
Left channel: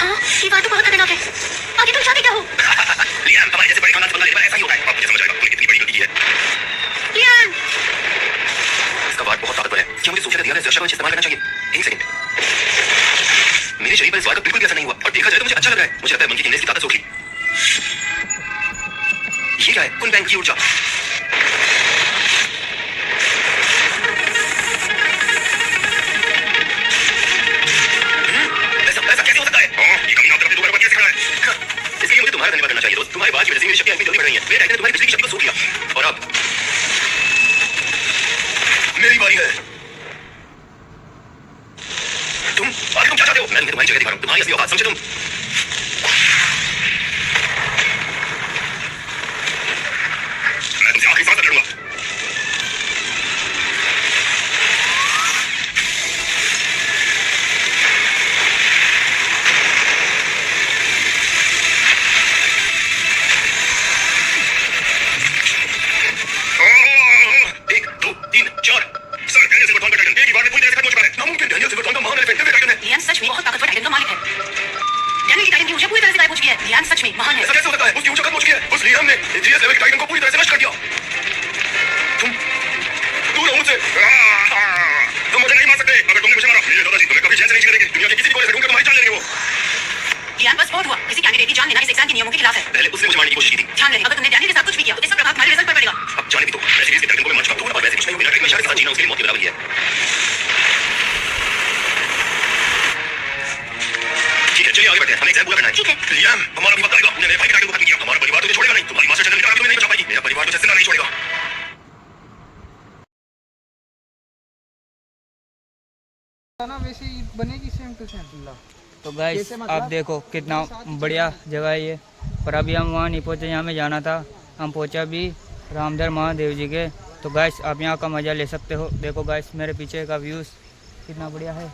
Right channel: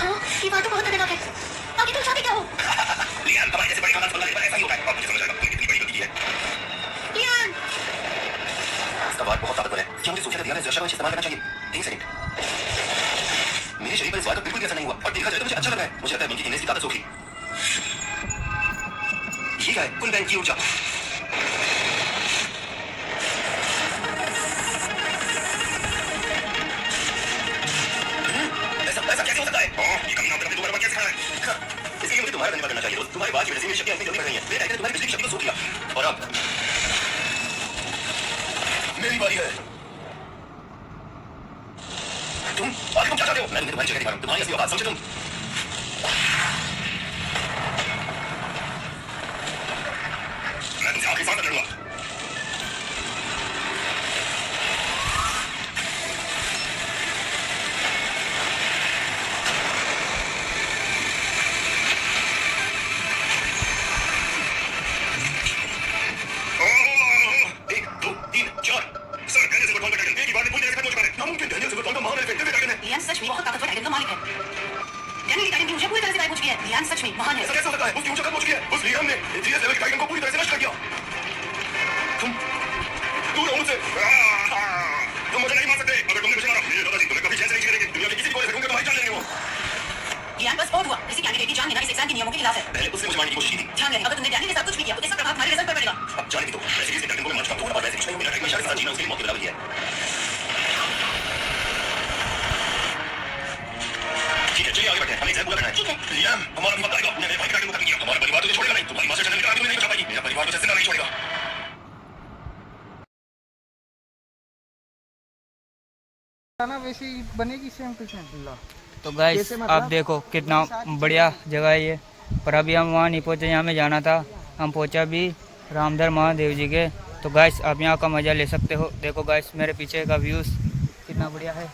हाँ, ये बात तो बहुत खतरनाक है। आगे तुम चाहते क्या हो? लियाम, हमारे जैसे बड़े खानदान से बनना एक बार ऐसा ही होता है। अब मुझे समझ आएगा तूने कितनी बड़ी गलती की है। लियान, इसका वार बहुत ताकतवर है। क्या मुझे सोचा था ध्यान से शब्द इस्तेमाल करना चाहिए? एक सेकंड। मेरे शरीर पर इस वार का बिल्कुल भी असर नहीं हुआ और देखा जाए तो मुझे अच्छा लग रहा है। मुझे लगता है मंकी की नेस की ताकत सोखी। ये क्या है? कुन बैंक की ऊर्जा। ऐसा कैसे हो सकता है? ये कमीना अपने दोबारा कैसे खड़ा है? इसके लिए मुझे तुम्हारा धन्यवाद करना चाहिए दोस्त। तुम्हारी बात की वजह से मेरी शक्तियां इतनी जल्दी बढ़ रही हैं। मेरे टाइटन ने तुम्हारी पिछली की शक्ति को सोख लिया और अब मेरी बारी है। तुम आगे तुम क्या चाहते हो? मैं तुम्हें तुम्हारी जगह दिखा रहा हूं। तुम्हारी असली औकात समझे तुम? मैं तुमसे आखिरी सांस तक लड़ूंगा। एक, दो, तीन, चार। सर, डैनियल सिल्वर टाउन का टाइटन एक ही बार में पूरी तरह से खत्म हो चुका है। नामुमकिन, डैनियल सिल्वर टाउन का महान एलिफेंट टाइटन है। लियान सच में बहुत ताकतवर टाइटन का मालिक है। डैनियल की टाइटन की ऊर्जा पूरी तरह से गायब हो चुकी है। लियान सच में महान है। ऐसा कैसे हो सकता है? उसकी ऊंचाई खत्म हो चुकी है। उस लियाम ने एथीरियस लेवल के टाइटन को पूरी तरह से नष्ट कर दिया। तुम दूर रहो मुझसे। तुम मुझे नहीं मार सकते। अगर तुमने मुझे मारा, मेरे दादाजी तुम्हें कभी चैन से नहीं जीने देंगे। दुनिया के किसी भी कोने से ढूंढकर तुम्हारी जान लेंगे वो। लियान बस बहुत हुआ। किसी कैंडिडेट की जान लेना इस एग्जाम के नियमों के खिलाफ है। पहले उसने मुझे मारने की कोशिश की थी। ध्यान रहे, अगर तुमने डैनियल के साथ कुछ भी किया तो इसका प्रभाव तुम्हारे रिजल्ट पर पड़ेगा। अब जाने भी दो। मैं सीरीज के टाइटन को मैं मान चुका हूं और वैसे कुछ नहीं। मेरा टाइटन में शायद साथ जीना उसके लिए मौत के बराबर ही है। ठीक है, चलिए आगे बढ़ते हैं। हमें एग्जाम पूरा करना है। ठीक है। लियाम, हमारा भी वक्त आएगा। मैंने भाई के टाइटन को खत्म किया। हमारा परिवार तुझे छोड़ेगा नहीं। तुम्हारी मां से चंद्र निकाल के तुम्हें नहीं बचा पाएगी। मेरा परिवार तुझे जिंदा नहीं छोड़ेगा। खाना वैसे ही बनेगी सेम टू सेम। तो गाइस कैसे मतलब? आप देखो कितना बढ़िया जगह है ये। पर अभी हम वहाँ नहीं पहुँचे, यहाँ में जाना था। हम पहुँचा भी रामधर महादेव जी के। तो गाइस आप यहाँ का मज़ा ले सकते हो। देखो गाइस मेरे पीछे का व्यूज़ कितना बढ़िया है।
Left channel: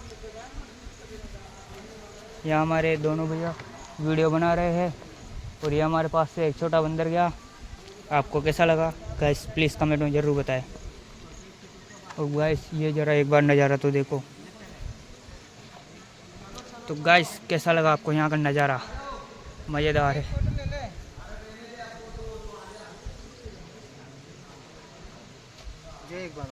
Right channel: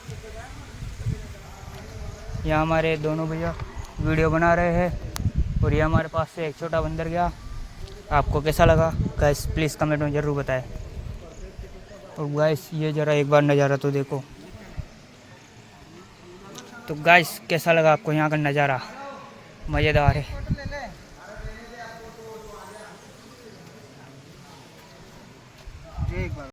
यहाँ हमारे दोनों भैया वीडियो बना रहे हैं और ये हमारे पास से एक छोटा बंदर गया। आपको कैसा लगा गाइस प्लीज़ कमेंट में ज़रूर बताएं। और गाइस ये ज़रा एक बार नज़ारा तो देखो। तो गाइस कैसा लगा आपको यहाँ का नज़ारा? मज़ेदार है।